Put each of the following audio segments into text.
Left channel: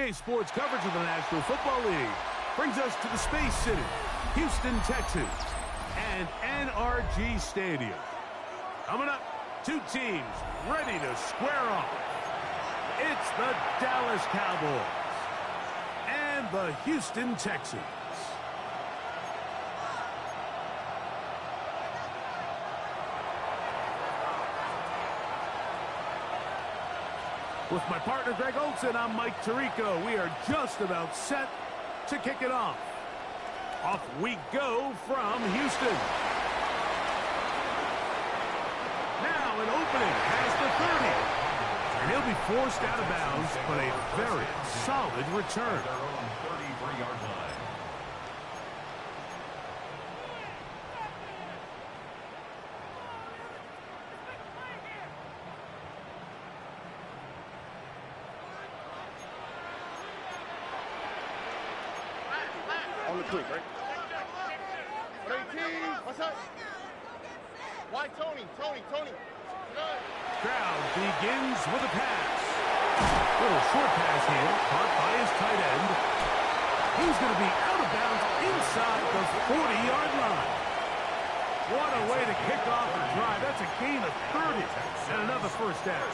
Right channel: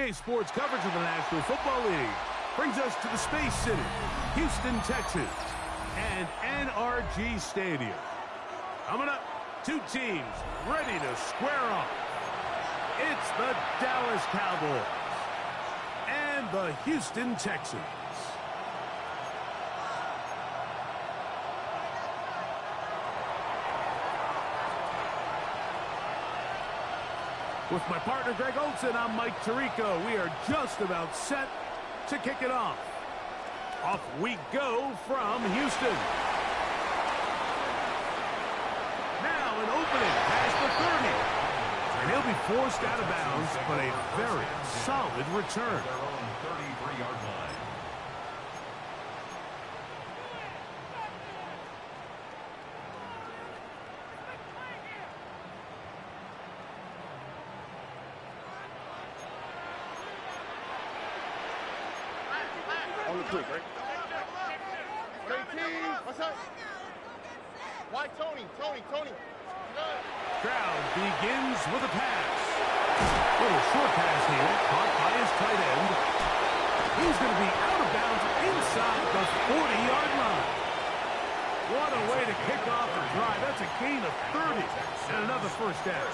EA Sports coverage of the National Football League brings us to the Space City, Houston, Texas, and NRG Stadium. Coming up, two teams ready to square off. It's the Dallas Cowboys and the Houston Texans. With my partner, Greg Olson, I'm Mike Tirico. We are just about set to kick it off. Off we go from Houston. Now an opening has the 30. And he'll be forced out of bounds, but a very solid return. Their own 33-yard line. On the quick, right? 18. What's up? Why Tony? Stroud begins with a pass. Little short pass here, caught by his tight end. He's going to be out of bounds inside the 40-yard line. What a way to kick off a drive. That's a gain of 30 and another first down.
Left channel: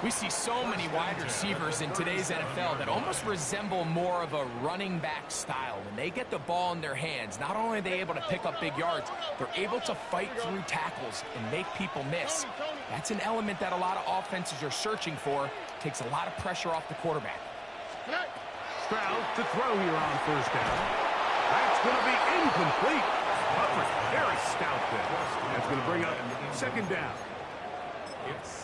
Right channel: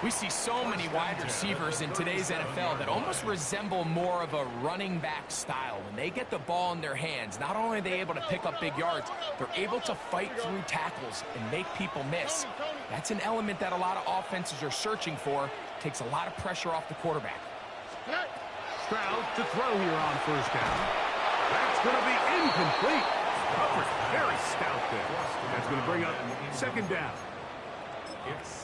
We see so many wide receivers in today's NFL that almost resemble more of a running back style. When they get the ball in their hands, not only are they able to pick up big yards, they're able to fight through tackles and make people miss. That's an element that a lot of offenses are searching for. Takes a lot of pressure off the quarterback. Stroud to throw here on first down. That's going to be incomplete. Coverage very stout there. That's going to bring up second down.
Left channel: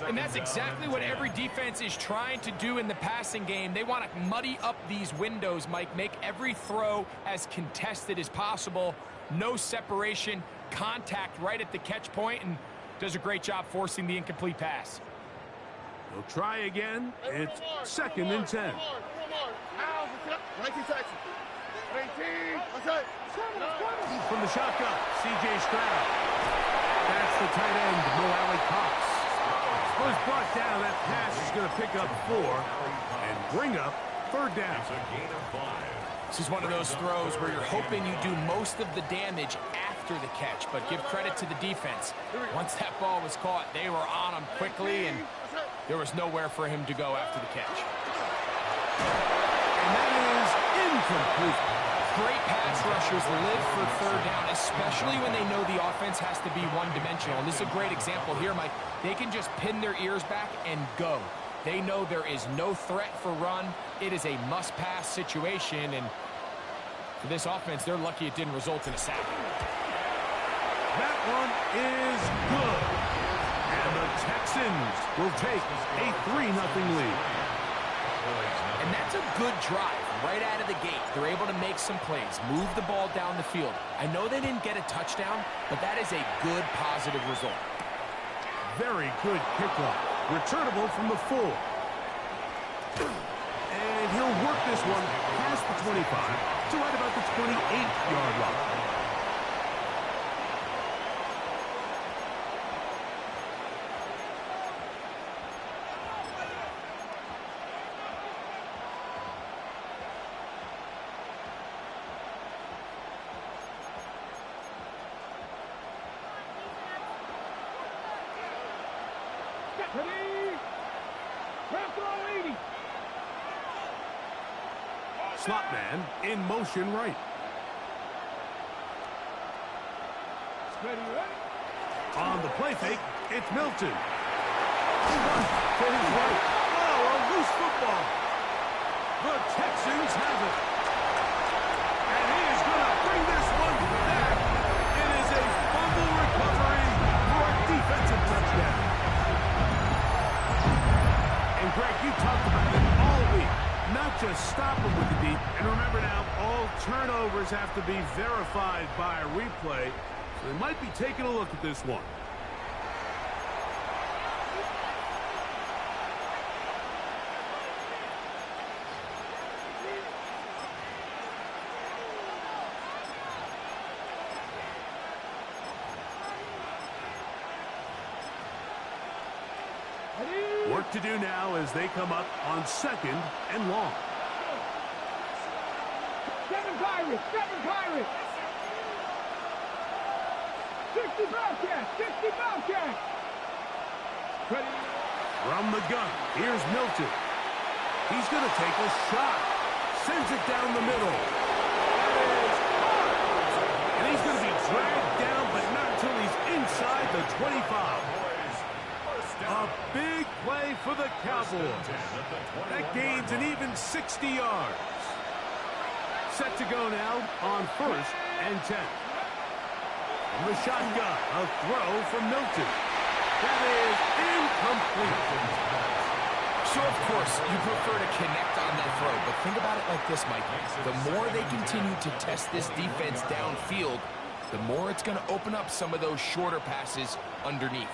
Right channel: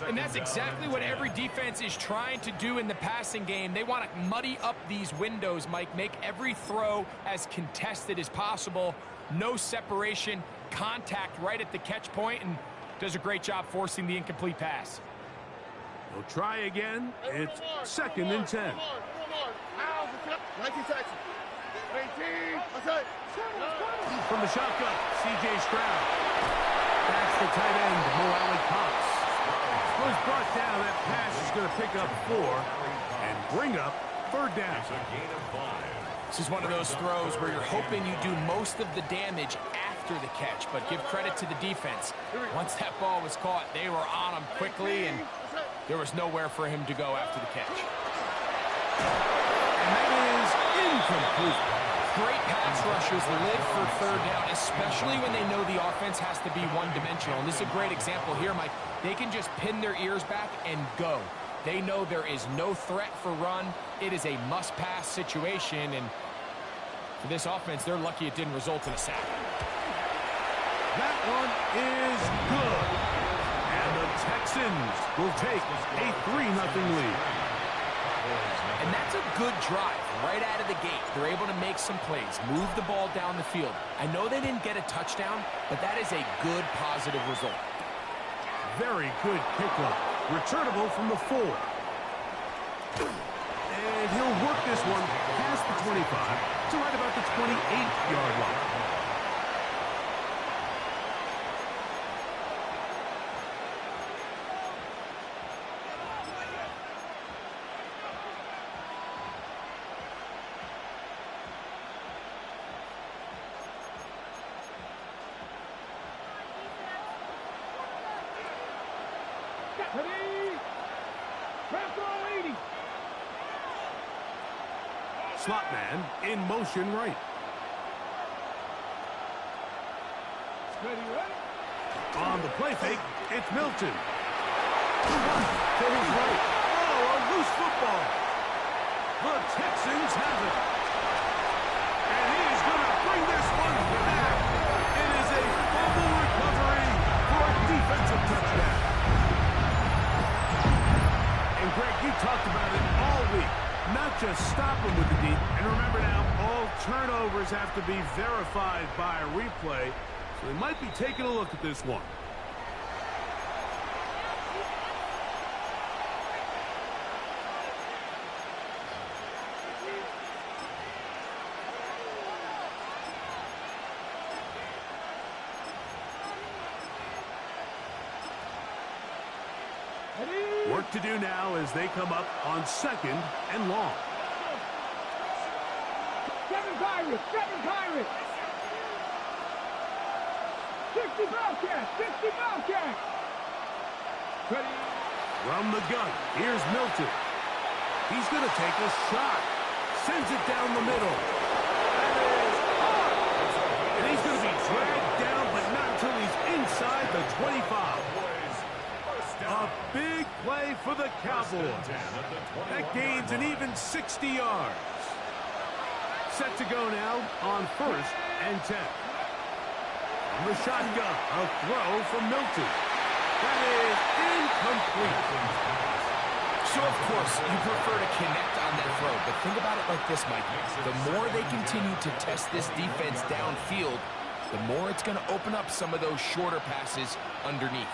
And that's exactly what every defense is trying to do in the passing game. They want to muddy up these windows, Mike, make every throw as contested as possible. No separation, contact right at the catch point, and does a great job forcing the incomplete pass. They'll try again. It's second and 10. 19 seconds. 18. What's up? From the shotgun, C.J. Stroud. That's the tight end, Mo Alley Cox. Was brought down. That pass is going to pick up 4 and bring up third down. This is one of those throws where you're hoping you do most of the damage after the catch, but give credit to the defense. Once that ball was caught, they were on him quickly, and there was nowhere for him to go after the catch. And that is incomplete. Great pass rushers live for third down, especially when they know the offense has to be one-dimensional. And this is a great example here, Mike. They can just pin their ears back and go. They know there is no threat for run. It is a must-pass situation, and for this offense, they're lucky it didn't result in a sack. That one is good. And the Texans will take a 3-0 lead. And that's a good drive right out of the gate. They're able to make some plays, move the ball down the field. I know they didn't get a touchdown, but that is a good positive result. Very good kickoff. Returnable from the 4. And he'll work this one past the 25 to right about the 28-yard line. Slot man in motion right. On the play fake, it's Milton. To his right. Oh, a loose football. The Texans have it. And he is going to bring this one back. It is a fumble recovery for a defensive touchdown. And Greg, you talked about it all week. Not just stop them with the deep. And remember now, all turnovers have to be verified by a replay. So they might be taking a look at this one. Worked to do now as they come up on 2nd and long. 7 Pirates! 7 Pirates! 60 Bobcats! 60 Bobcats! Ready? From the gun, here's Milton. He's going to take a shot. Sends it down the middle. That is hard. And he's going to be dragged down, but not until he's inside the 25. A big play for the Cowboys. That gains an even 60 yards. Set to go now on 1st and 10. From the shotgun, a throw from Milton. That is incomplete. So, of course, you prefer to connect on that throw, but think about it like this, Mike. The more they continue to test this defense downfield, the more it's going to open up some of those shorter passes underneath.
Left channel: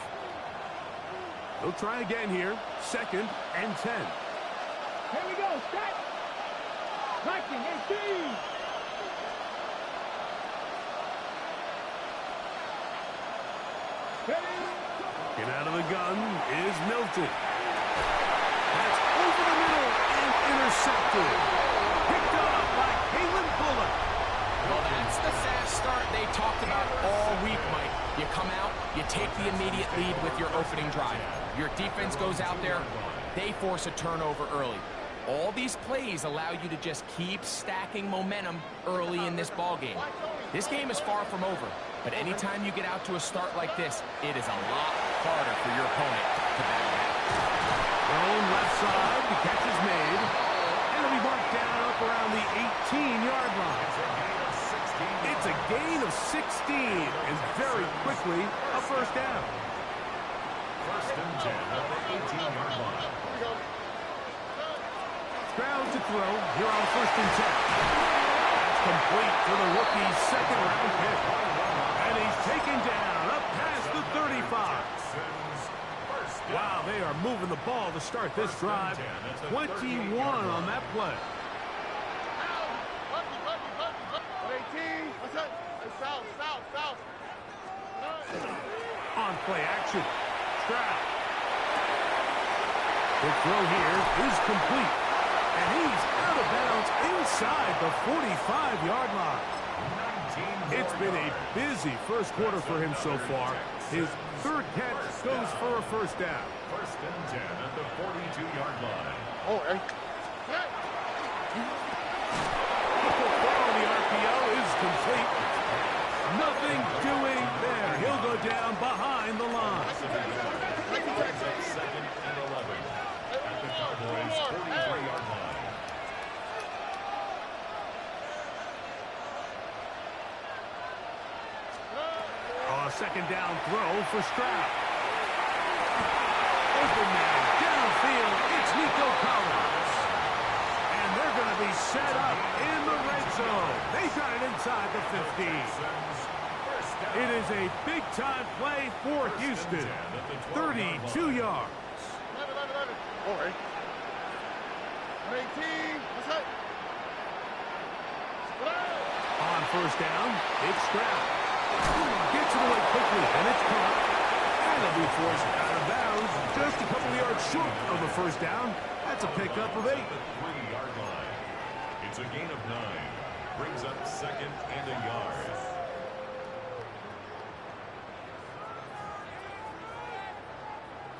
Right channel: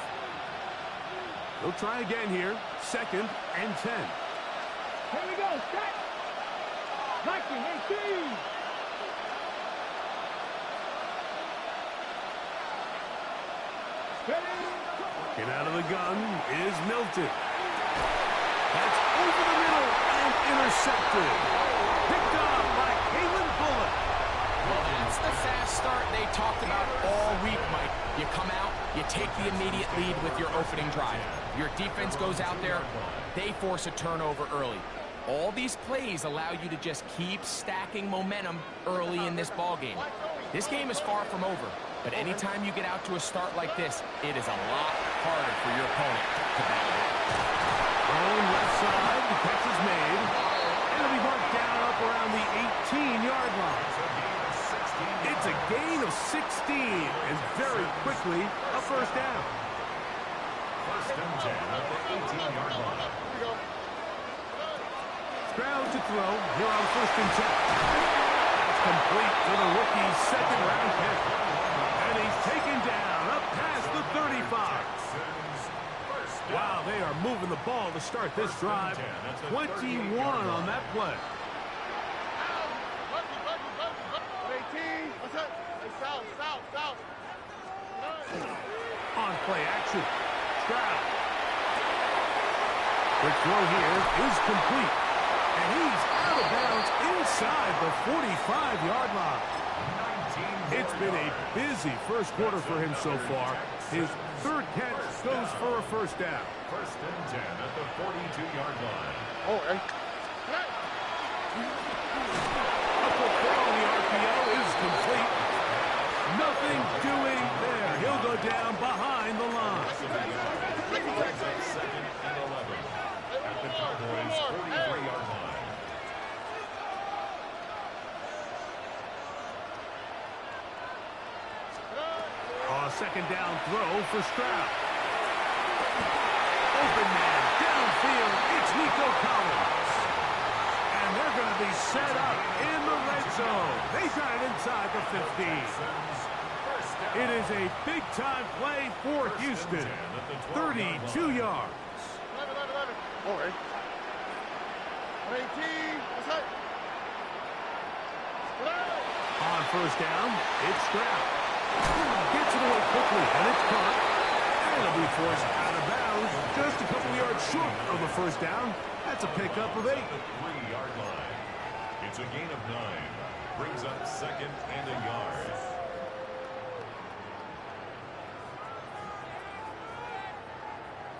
He'll try again here. 2nd and 10. Here we go, set! Viking 18! Ready? Get out of the gun is Milton. That's over the middle and intercepted. Picked up by Kalen Bullock. Well, that's the fast start they talked about all week, Mike. You come out, you take the immediate lead with your opening drive. Your defense goes out there, they force a turnover early. All these plays allow you to just keep stacking momentum early in this ball game. This game is far from over, but anytime you get out to a start like this, it is a lot harder for your opponent to battle back. Thrown left side, the catch is made, and it'll be marked down up around the 18-yard line. It's a gain of 16, and very quickly, a 1st down. 1st and 10 at the 18-yard line. Here we go. Stroud to throw here on 1st and 10. That's complete to the rookie's 2nd-round pick. And he's taken down up past the 35. Wow, they are moving the ball to start this drive. 21 on that play. 18. What's up? Hey, south. On play action. Stroud. Quick throw here is complete. And he's out of bounds inside the 45-yard line. It's been a busy 1st quarter for him so far. His 3rd catch goes for a 1st down. 1st and 10 at the 42-yard line. Oh, hey. A quick throw on the RPO is complete. Nothing doing there. He'll go down behind the line. 2nd and 11 at the Cowboys' 43-yard line. A 2nd down throw for Stroud. Open man downfield. It's Nico Collins. And they're going to be set up in the red zone. They got it inside the 15. It is a big-time play for Houston. 32 yards. 11. Oh, hey. 18. What's up? On 1st down, it's Stroud. Gets it away quickly, and it's caught. And it'll be forced out of bounds just a couple yards short of the 1st down. That's a pickup of 8. The 3-yard line. It's a gain of 9. Brings up 2nd and a yard.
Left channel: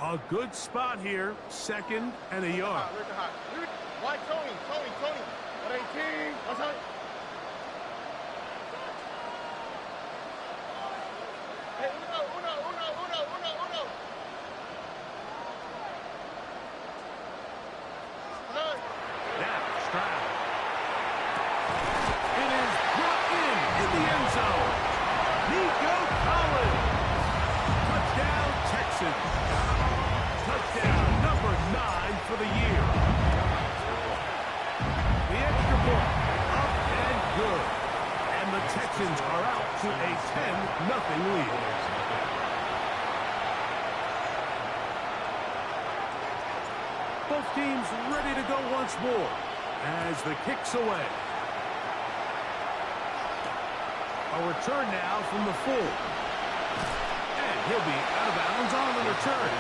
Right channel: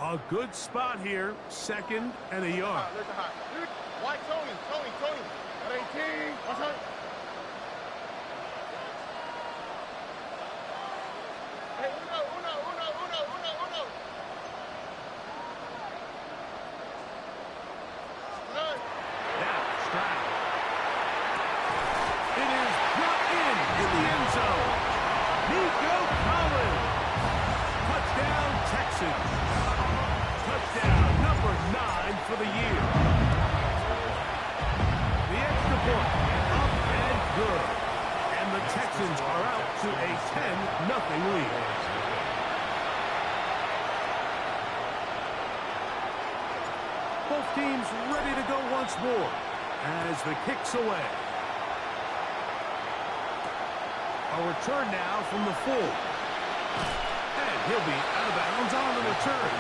A good spot here. 2nd and a yard. Look at hot. Why Tony? 18. What's up? Hey, uno. Now, Stroud. It is brought in the end zone. Nico Collins. Touchdown, Texans. Touchdown number 9 for the year. The extra point, up and good. And the Texans are out to a 10-0 lead. Both teams ready to go once more as the kick's away. A return now from the full. And he'll be out of bounds on the return.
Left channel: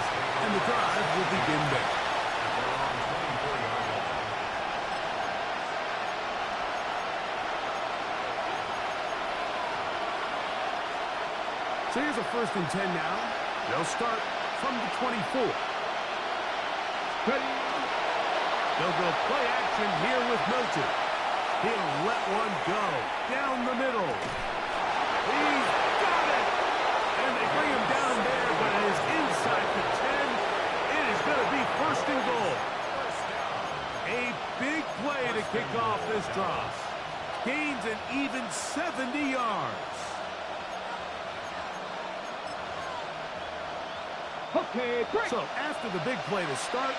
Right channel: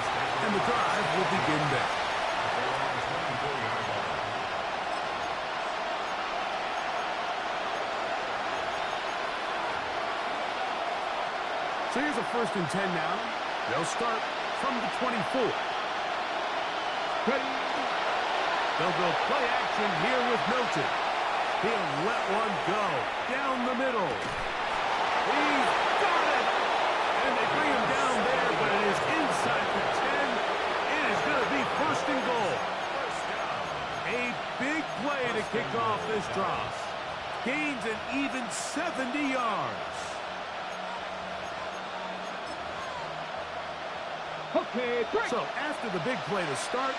And the drive will begin there. So here's a 1st and 10 now. They'll start from the 24. Ready. They'll go play action here with Milton. He'll let one go down the middle. He's got it! And they bring him down there, but it is inside the 10. It is going to be 1st and goal. A big play to kick off this drive. Gains an even 70 yards. Okay, break. So after the big play to start,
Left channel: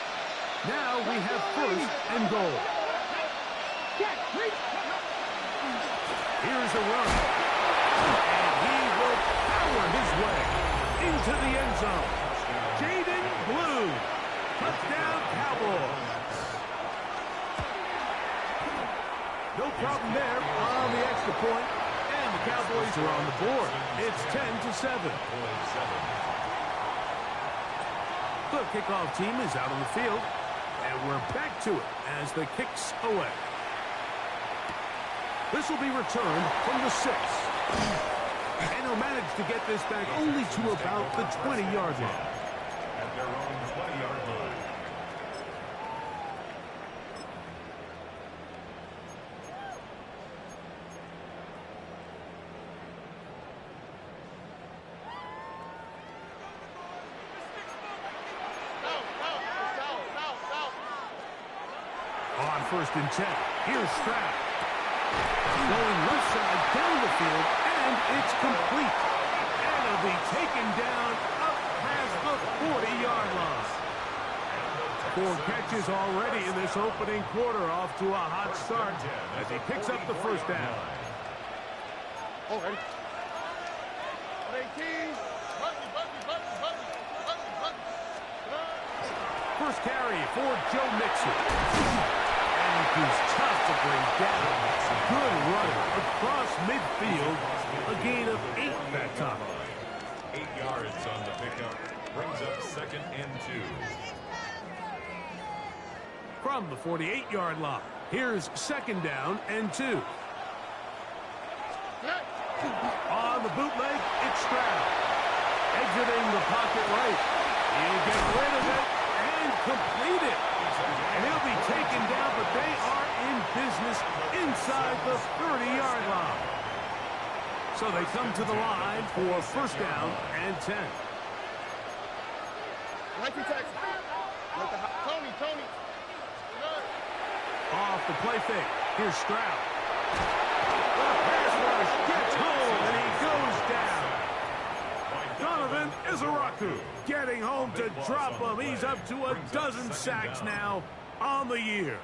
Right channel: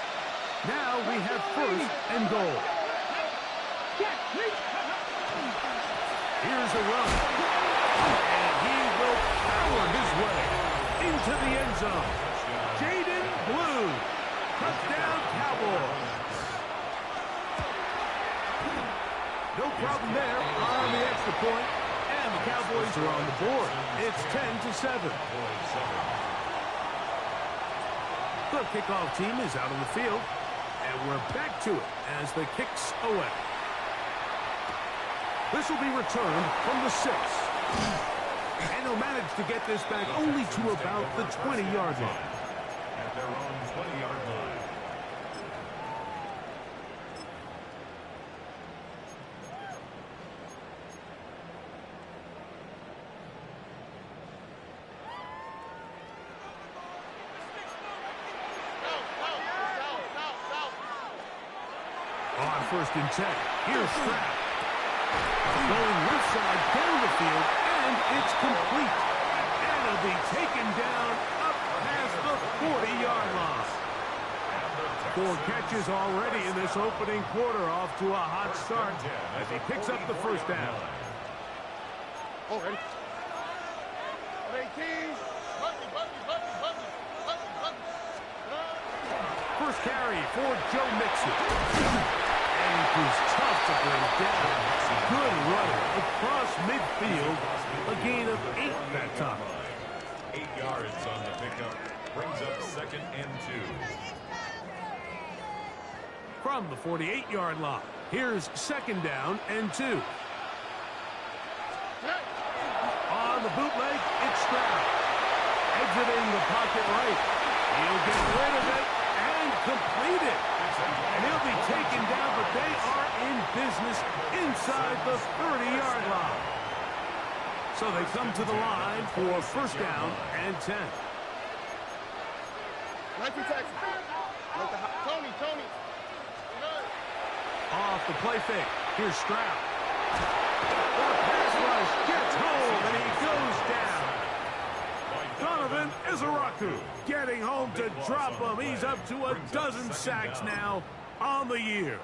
now we have 1st and goal. Check, please. Here's a run. And he will power his way into the end zone. Jaden Blue. Touchdown, Cowboys. No problem there on the extra point. And the Cowboys are on the board. It's 10-7. The kickoff team is out on the field, and we're back to it as the kick's away. This will be returned from the 6. And he'll manage to get this back only to about the 20-yard line. At their own 20-yard line. On 1st and 10, here's Stroud. Going left side down the field, and it's complete. And it'll be taken down up past the 40-yard line. 4 catches already in this opening quarter, off to a hot start as he picks up the 1st down. Already. 18. First carry for Joe Mixon. And he's tough to bring down. Good running across midfield. A gain of 8 that time. 8 yards on the pickup. Brings up 2nd and 2. From the 48-yard line, here's 2nd down and 2. On the bootleg, it's Stroud. Exiting the pocket right. He'll get rid of it and complete it. And he'll be taken down, but they are in business inside the 30-yard line. So they come to the line for 1st down and 10. Tony. Off the play fake. Here's Stroud. The pass rush gets home, and he goes down. Donovan Izaraku getting home to drop him. He's up to a dozen sacks now on the year.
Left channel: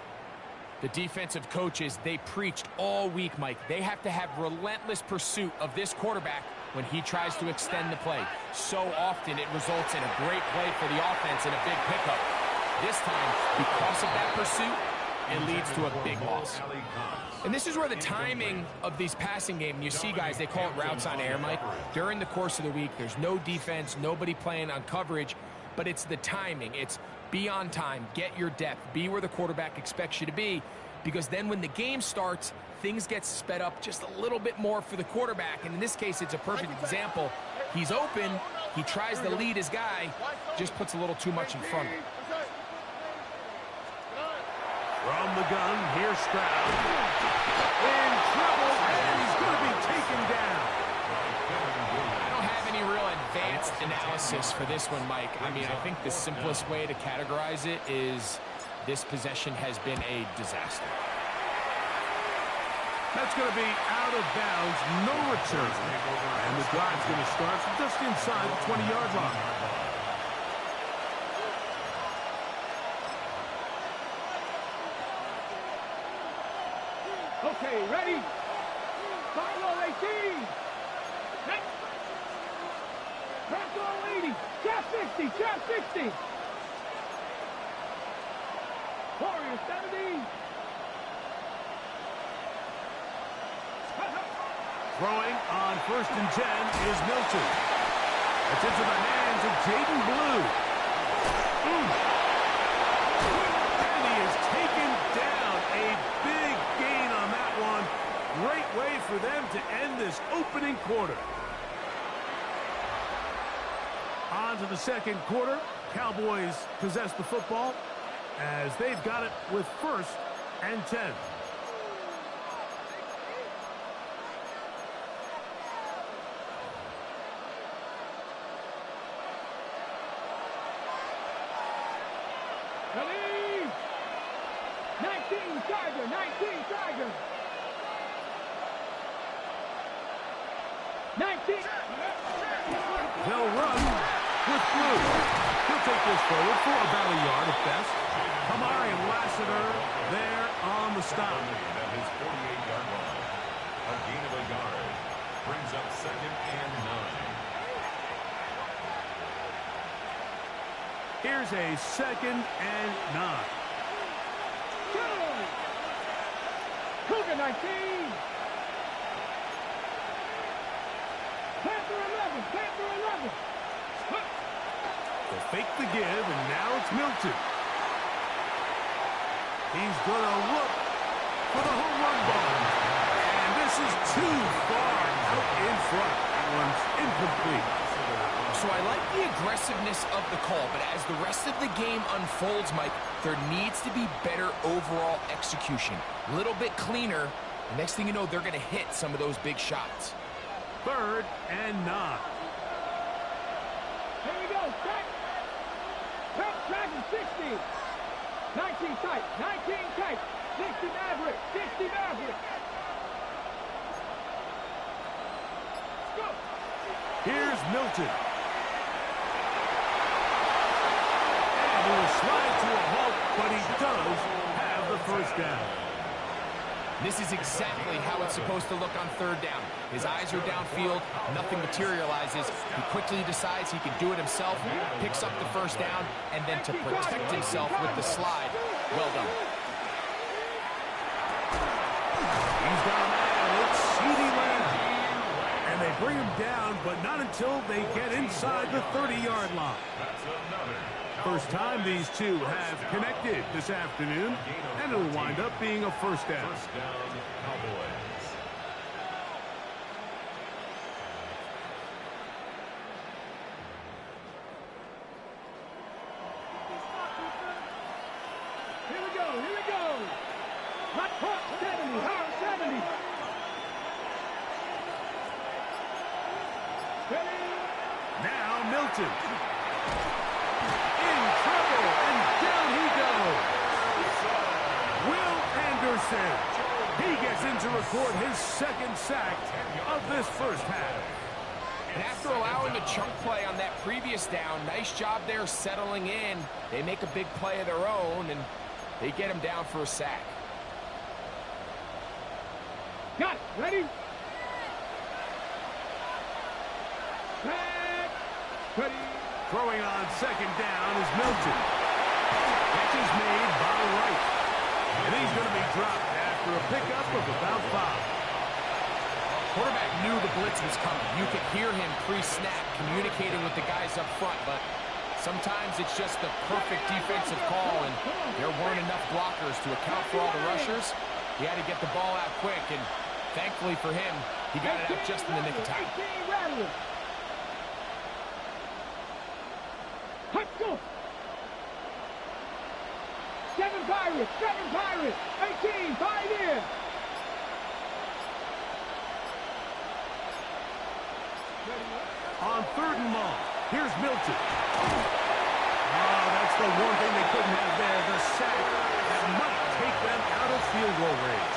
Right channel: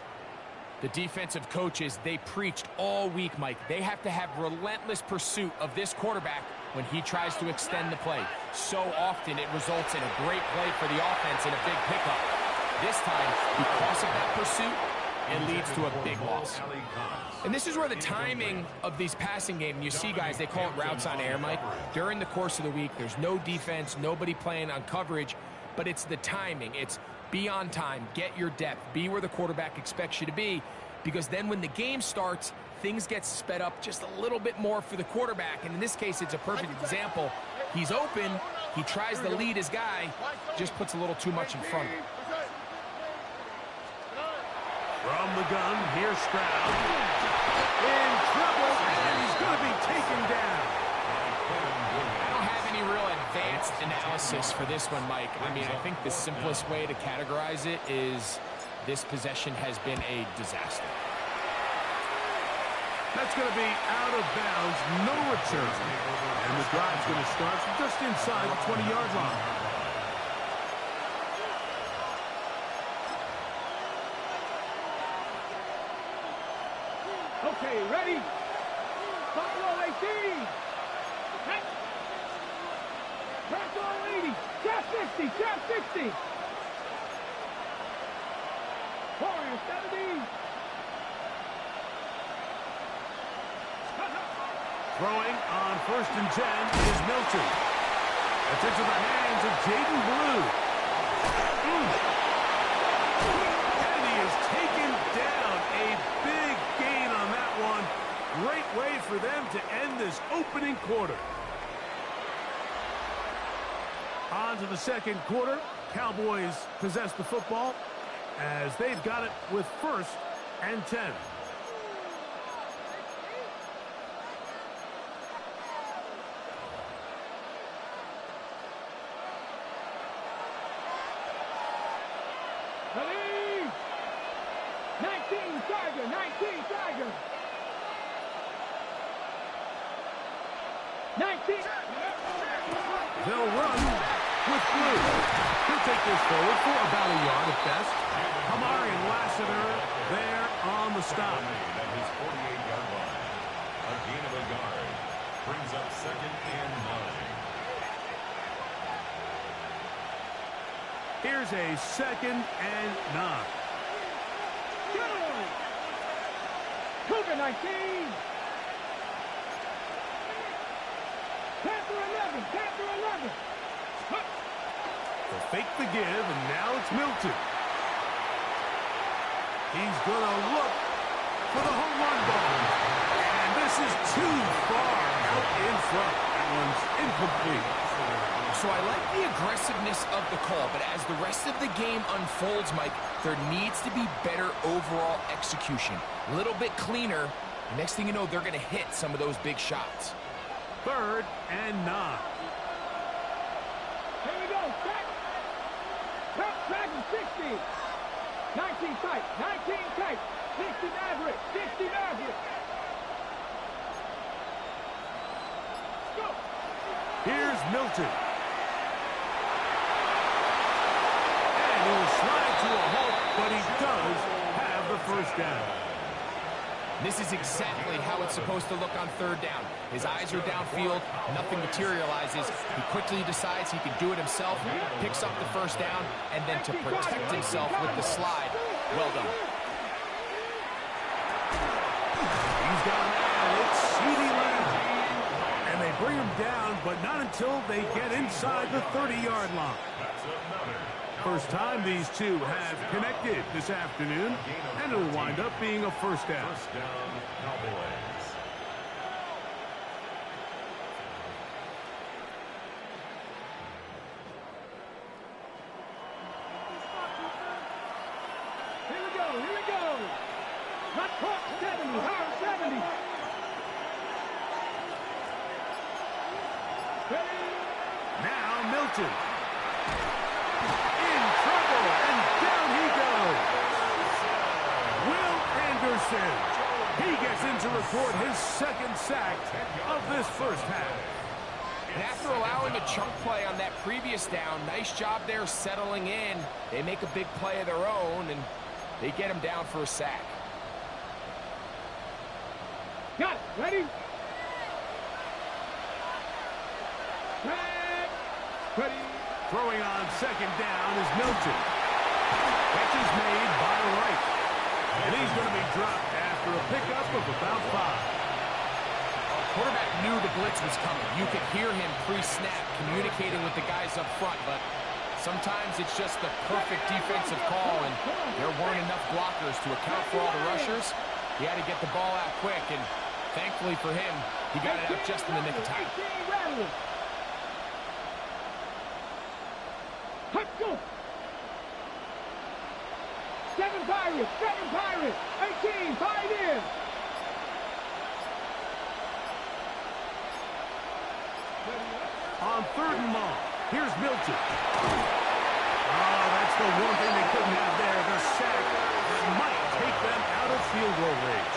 The defensive coaches, they preached all week, Mike. They have to have relentless pursuit of this quarterback when he tries to extend the play. So often it results in a great play for the offense and a big pickup. This time, because of that pursuit, it leads to a big loss. And this is where the timing of these passing game, you see guys, they call it routes on air, Mike. During the course of the week, there's no defense, nobody playing on coverage, but it's the timing. It's be on time, get your depth, be where the quarterback expects you to be, because then when the game starts, things get sped up just a little bit more for the quarterback. And in this case, it's a perfect example. He's open, he tries to lead his guy, just puts a little too much in front of him. From the gun, here's Stroud. In trouble, and he's going to be taken down. I don't have any real advanced analysis for this one, Mike. I mean, I think the simplest way to categorize it is this possession has been a disaster. That's going to be out of bounds, no return. And the drive's going to start from just inside the 20-yard line. Okay, ready? Follow 18. Back on 80. Trap 60. Trap 60. Warrior 70. Throwing on 1st and 10 is Milton. It's into the hands of Jaden Blue. And he is taken down. A big gain on that one. Great way for them to end this opening quarter. On to the second quarter. Cowboys possess the football as they've got it with 1st and 10. Ready? 19 Tiger, 19 Tiger. 19. They'll run with blue. He'll take this forward for about a yard at best. Kamari Lassiter there on the stop. At his 48-yard line. A gain of a yard. Brings up 2nd and 9. Here's a 2nd and 9. Cougar 19. Panther 11, Panther 11. They'll fake the give, and now it's Milton. He's going to look for the home run ball. And this is too far out in front. That one's incomplete. So I like the aggressiveness of the call, but as the rest of the game unfolds, Mike, there needs to be better overall execution. A little bit cleaner. The next thing you know, they're going to hit some of those big shots. 3rd and 9. Here we go, track. Track 60. 19 tight, 19 tight. 60 Maverick, 60 Maverick. Let's go. Here's Milton. And he will slide to a halt, but he does have the 1st down. This is exactly how it's supposed to look on 3rd down. His eyes are downfield, nothing materializes. He quickly decides he can do it himself, picks up the 1st down, and then to protect himself with the slide. Well done. He's got a man. It's CeeDee Lamb. And they bring him down, but not until they get inside the 30-yard line. That's another. First time these two have connected this afternoon, and it'll wind up being a 1st down. 1st down, Cowboys. Here we go, here we go. Hot top 70, hard 70. Ready? Now Milton. In trouble, and down he goes. Will Anderson. He gets in to record his 2nd sack of this 1st half. And after allowing a chunk play on that previous down, nice job there settling in. They make a big play of their own, and they get him down for a sack. Got it, ready? Back. Ready? Throwing on 2nd down is Milton. Catch is made by Wright. And he's going to be dropped after a pickup of about 5. Quarterback knew the blitz was coming. You could hear him pre-snap communicating with the guys up front, but sometimes it's just the perfect defensive call, and there weren't enough blockers to account for all the rushers. He had to get the ball out quick, and thankfully for him, he got it out just in the nick of time. 18 Rattler. Let's go. 7 Pirates, 7 Pirates. 18, 5 in. On 3rd and long, here's Milton. Oh, that's the one thing they couldn't have there, the sack that might take them out of field goal range.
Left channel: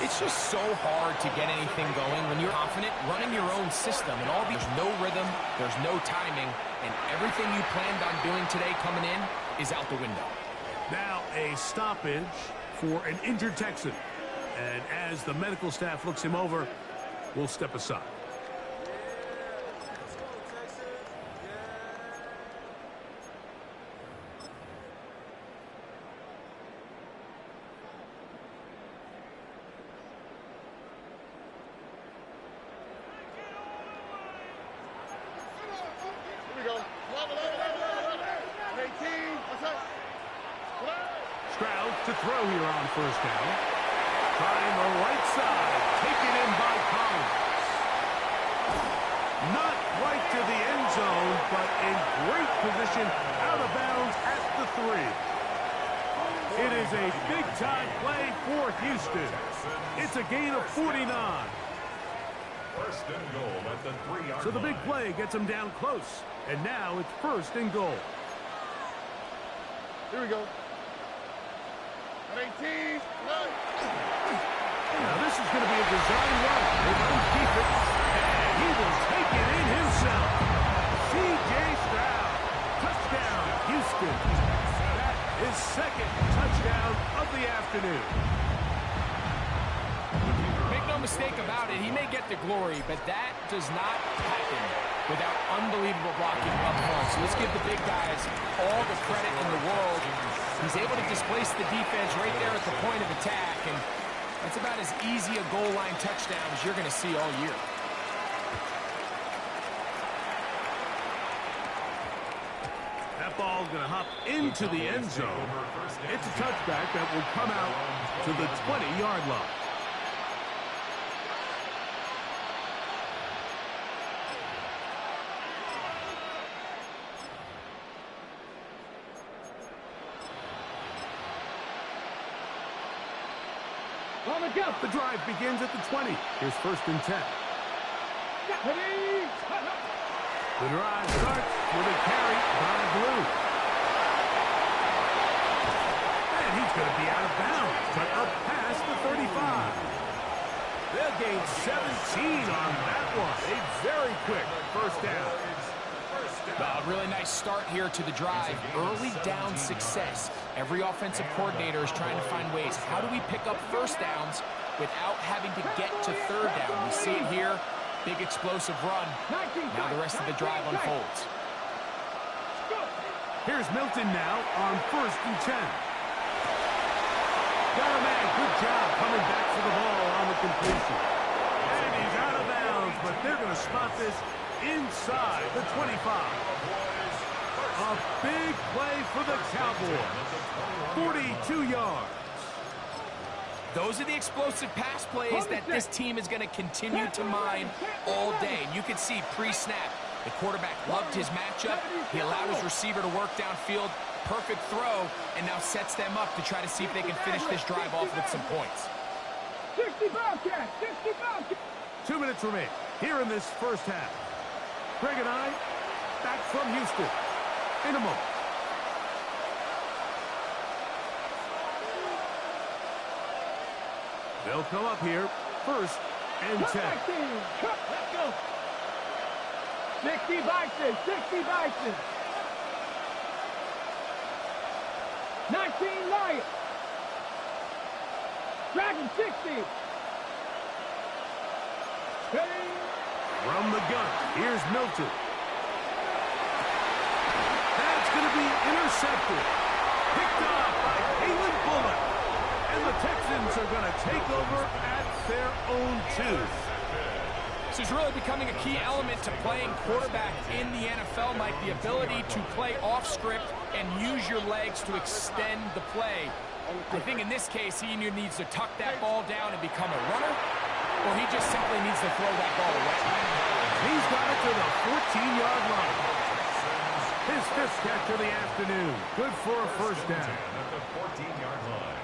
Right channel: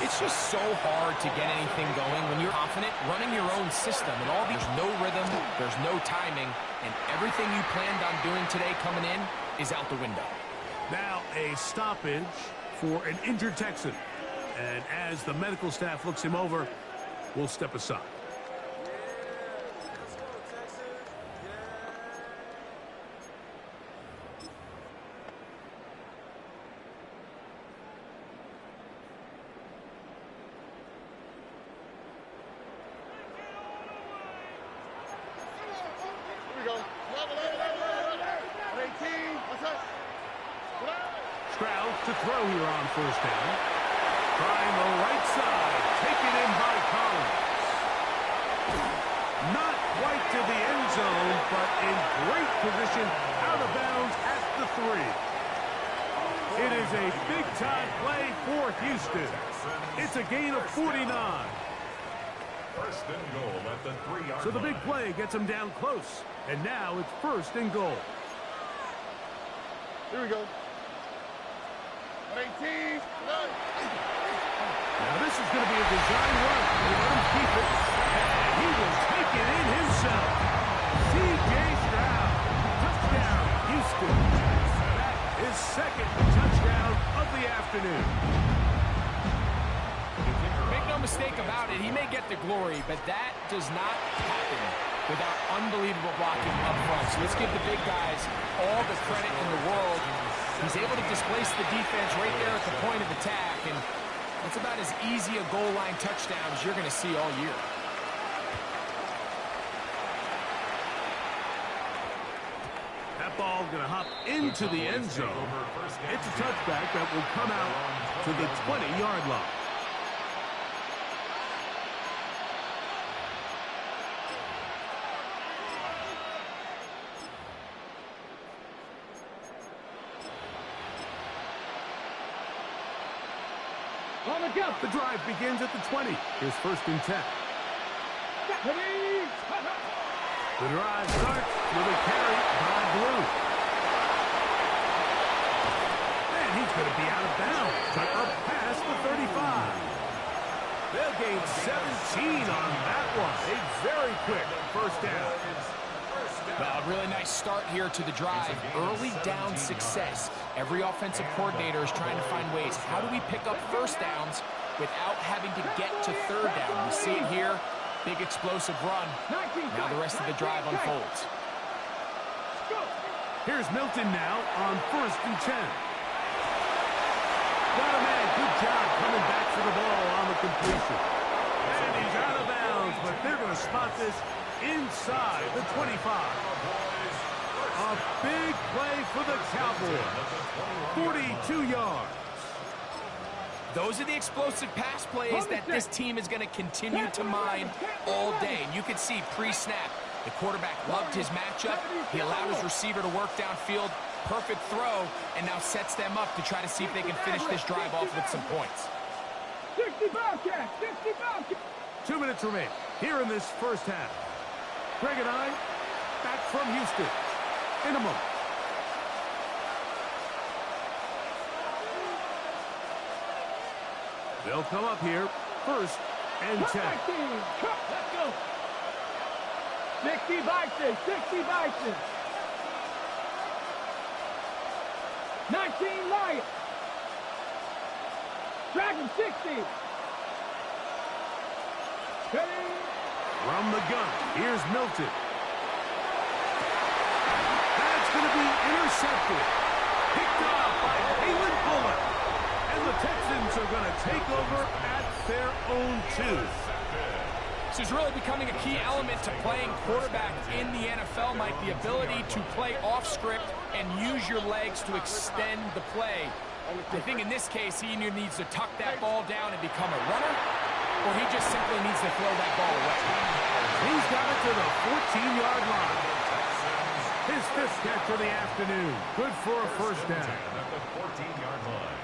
It's just so hard to get anything going when you're confident running your own system, and all there's no rhythm, there's no timing, and everything you planned on doing today coming in is out the window. Now a stoppage for an injured Texan. And as the medical staff looks him over, we'll step aside. Stroud to throw here on 1st down. Trying the right side. Taken in by Collins. Not quite to the end zone, but in great position out of bounds at the 3. It is a big-time play for Houston. It's a gain of 49. First and goal at the 3-yard So the big line. play gets him down close. And now it's first and goal. Here we go. 118. Now this is going to be a design run. They let him keep it. And he will take it in himself. C.J. Stroud. Touchdown, Houston. That is second touchdown of the afternoon. Make no mistake about it, he may get the glory, but that does not happen without unbelievable blocking up front. So let's give the big guys all the credit in the world. He's able to displace the defense right there at the point of attack, and that's about as easy a goal line touchdown as you're going to see all year. That ball going to hop into the end zone. It's a touchback that will come out to the 20-yard line. On the go. The drive begins at the 20. Here's first and 10. Ready. The drive starts with a carry by Blue. And he's going to be out of bounds, but up past the 35. They'll gain 17 on that one. A very quick first down. Well, a really nice start here to the drive. Early down success. Every offensive coordinator is trying to find ways. How do we pick up first downs without having to get to third down? We see it here. Big explosive run. Now the rest of the drive unfolds. Here's Milton now on first and 10. Got a man. Good job coming back for the ball on the completion. And he's out of bounds, but they're going to spot this inside the 25. A big play for the Cowboys. 42 yards. Those are the explosive pass plays that this team is going to continue to mine all day. And you can see pre-snap, the quarterback loved his matchup. He allowed his receiver to work downfield. Perfect throw, and now sets them up to try to see if they can finish this drive off with some points. 60 Bobcats. 60 Bobcats. 2 minutes remain here in this first half. Greg and I back from Houston in a moment. They'll come up here first and 10. Let's go. 60 Bison. 60 Bison. 19 Lions. Dragon 60. Steady. From the gun, here's Milton. That's going to be intercepted. Picked off by Kalen Bullock. And the Texans are going to take over at their own 2. This is really becoming a key element to playing quarterback in the NFL, Mike. The ability to play off script and use your legs to extend the play. I think in this case, he either needs to tuck that ball down and become a runner, or he just simply needs to throw that ball away. He's got it to the 14-yard line. His 5th catch of the afternoon. Good for a first down. At the 14-yard line.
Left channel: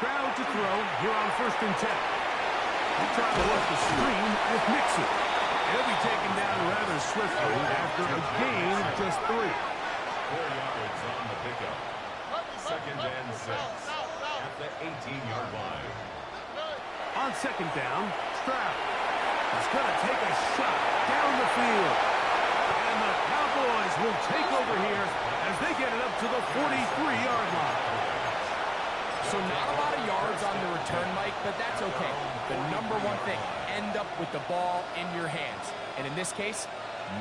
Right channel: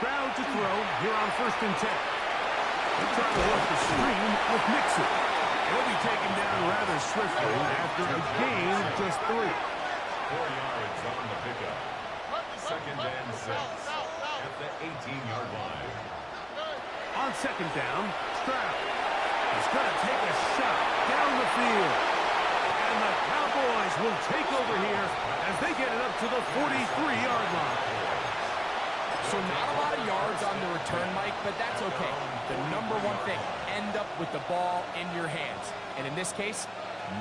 Stroud to throw here on first and 10. They try to work the screen with Mixon. He'll be taken down rather swiftly after a gain of just 3. 4 yards on the pickup. Second and 6 at the 18-yard line. On second down, Stroud is going to take a shot down the field. And the Cowboys will take over here as they get it up to the 43-yard line. So not a lot of yards on the return, Mike, but that's okay. The number one thing, end up with the ball in your hands. And in this case,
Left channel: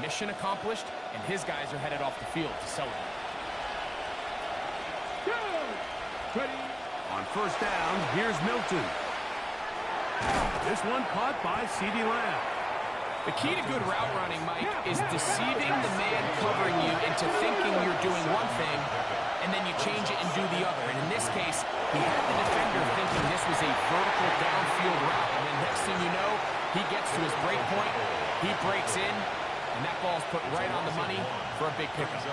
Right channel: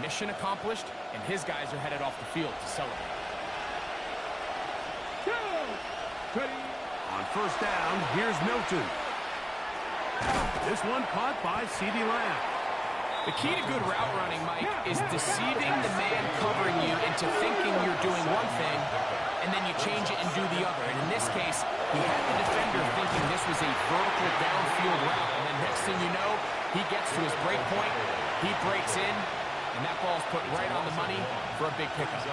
mission accomplished, and his guys are headed off the field to celebrate. Ready. On first down, here's Milton. This one caught by CeeDee Lamb. The key to good route running, Mike, is deceiving the man covering you into thinking you're doing one thing, and then you change it and do the other. And in this case, he had the defender thinking this was a vertical downfield route, and then next thing you know, He gets to his break point, he breaks in, and that ball's put right on the money for a big pickup.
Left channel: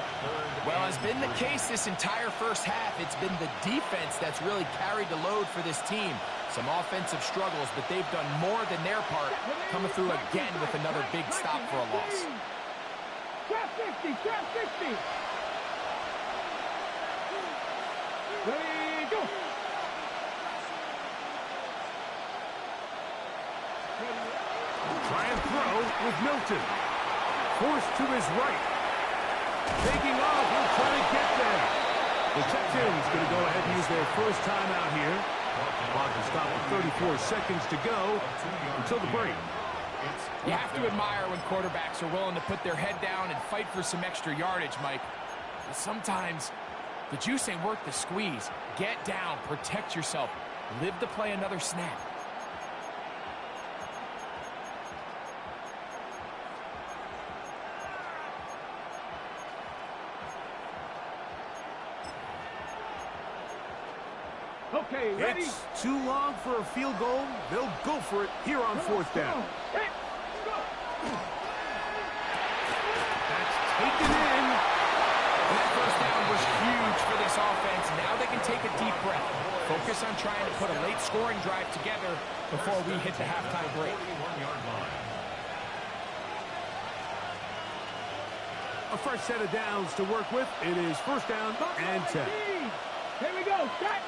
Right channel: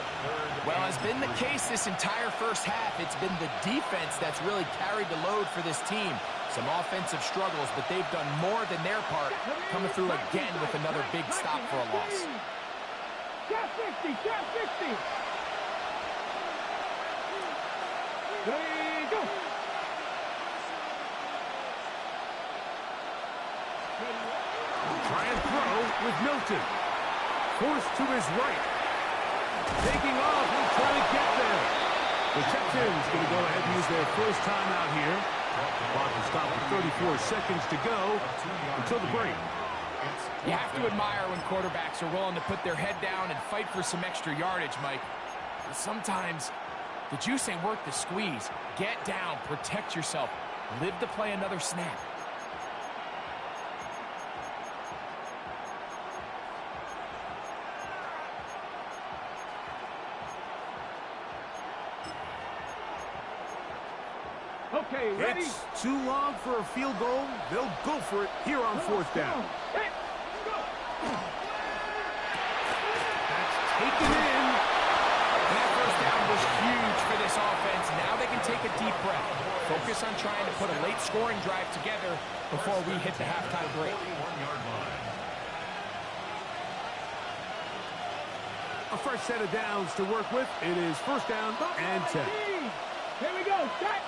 Well, as been the case this entire first half, it's been the defense that's really carried the load for this team. Some offensive struggles, but they've done more than their part, coming through again with another big stop for a loss. Trap 60, trap 60. Ready, go. Try and throw with Milton. Forced to his right. Taking off, he'll try to get there. The Texans going to go ahead and use their first timeout here. Clock will stop with 34 seconds to go until the break. You have to admire when quarterbacks are willing to put their head down and fight for some extra yardage, Mike. But sometimes the juice ain't worth the squeeze. Get down, protect yourself, live to play another snap. Okay, ready? It's too long for a field goal. They'll go for it here on fourth down. Hit, go. That's taken in. And that first down was huge for this offense. Now they can take a deep breath. Focus on trying to put a late scoring drive together before we hit the halftime break. A fresh set of downs to work with. It is first down and 10. Here we go. Set.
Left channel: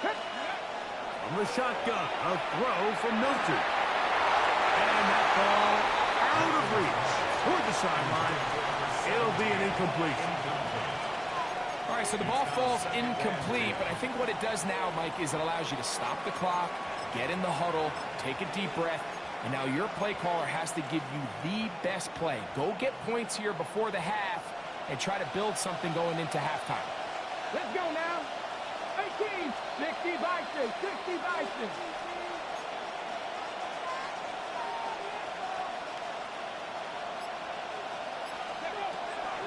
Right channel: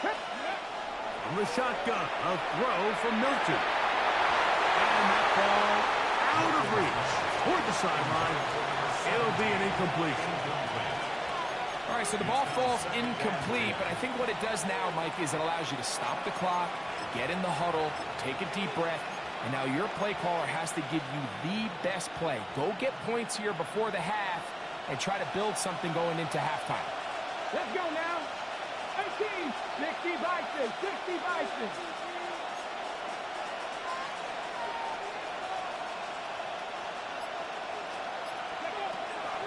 From the shotgun, a throw from Milton. And that ball out of reach toward the sideline. It'll be an incompletion. All right, so the ball falls incomplete, but I think what it does now, Mike, is it allows you to stop the clock, get in the huddle, take a deep breath, and now your play caller has to give you the best play. Go get points here before the half and try to build something going into halftime. Let's go now. 18, 60 Bison, 60 Bison.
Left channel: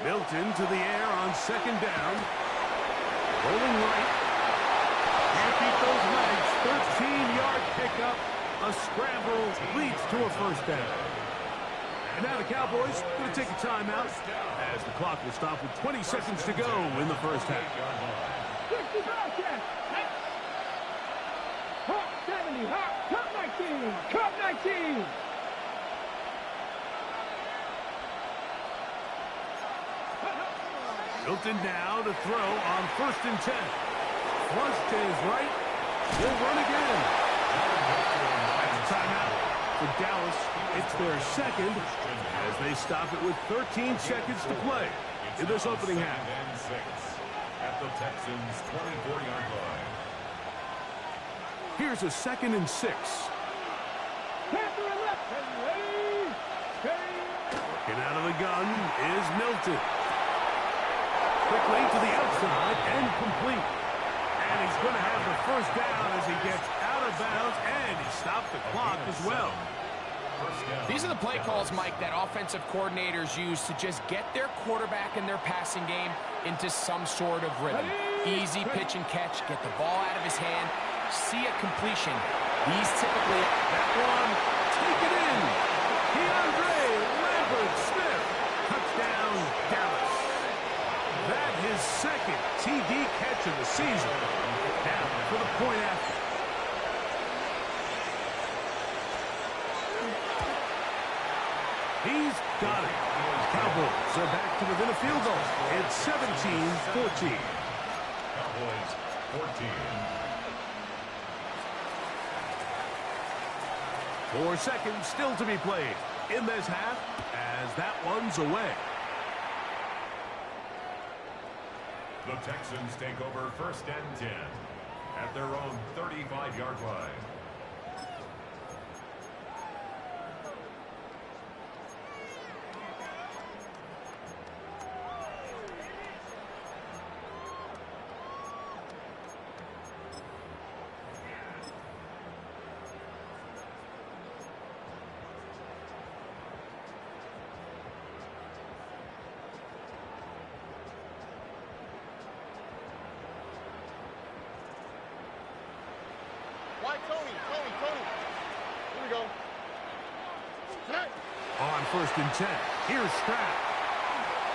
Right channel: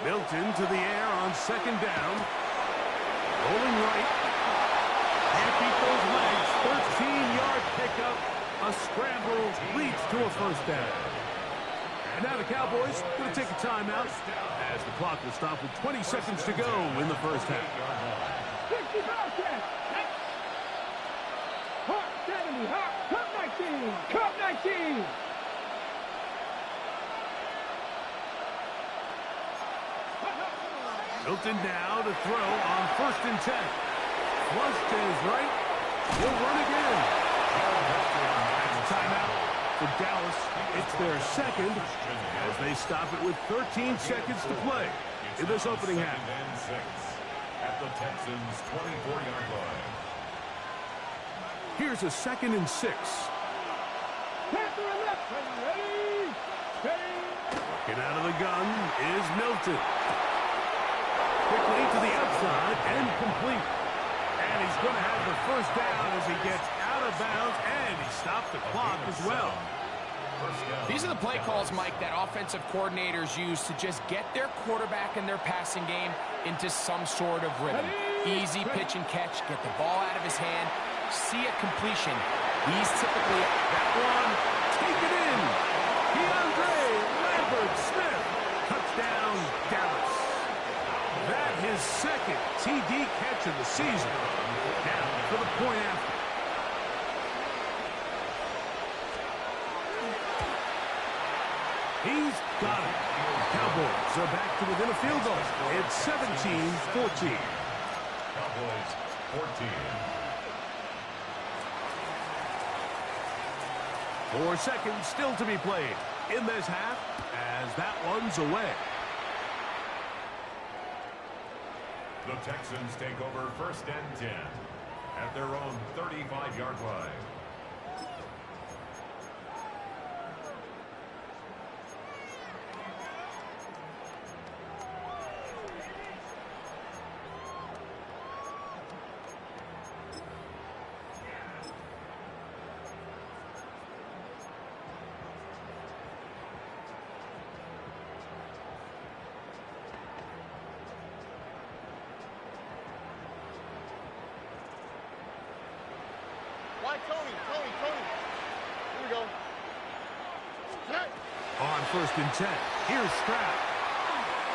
Milton to the air on second down. Rolling right. Can't beat those legs. 13-yard pickup. A scramble leads to a first down. And now the Cowboys going to take a timeout as the clock will stop with 20 seconds to go in the first half. 60 Bobcats. Hawk 70, Hawk, Cup 19, Cup 19. Milton now to throw on first and 10. Flush to his right. He'll run again. That's a timeout for Dallas. It's their second as they stop it with 13 seconds to play in this opening half. At the Texans' 24-yard line. Here's a 2nd and 6. Panther and left. Ready? Ready? Working out of the gun is Milton. Quickly to the outside and complete. And he's going to have the first down as he gets out of bounds, and he stopped the clock as well. These are the play calls, Mike, that offensive coordinators use to just get their quarterback and their passing game into some sort of rhythm. Easy pitch and catch, get the ball out of his hand, see a completion. He's typically... That one, take it in. DeAndre Lambert-Smith, touchdown, Dallas. That his second TD catch of the season. Now for the point after. He's got it. Cowboys are back to within a field goal. It's 17-14. Cowboys 14. 4 seconds still to be played in this half as that one's away. The Texans take over first and 10 at their own 35-yard line. Why Tony? Here we go. On 1st and 10, here's Stroud.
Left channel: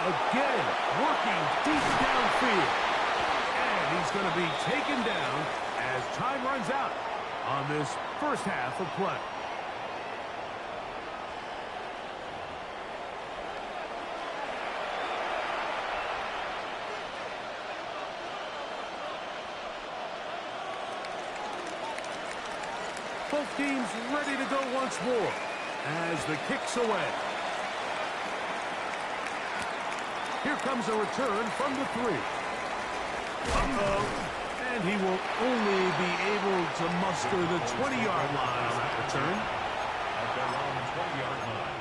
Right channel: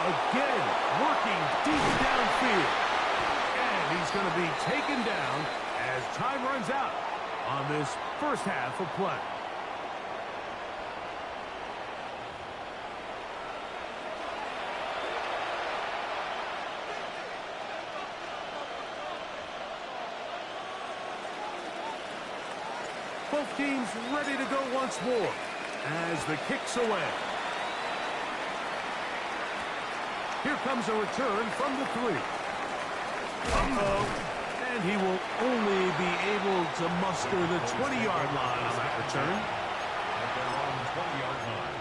Again, working deep downfield. And he's going to be taken down as time runs out on this first half of play. Both teams ready to go once more as the kick's away. Here comes a return from the 3. And he will only be able to muster the 20-yard line on that return. At their own 20-yard line.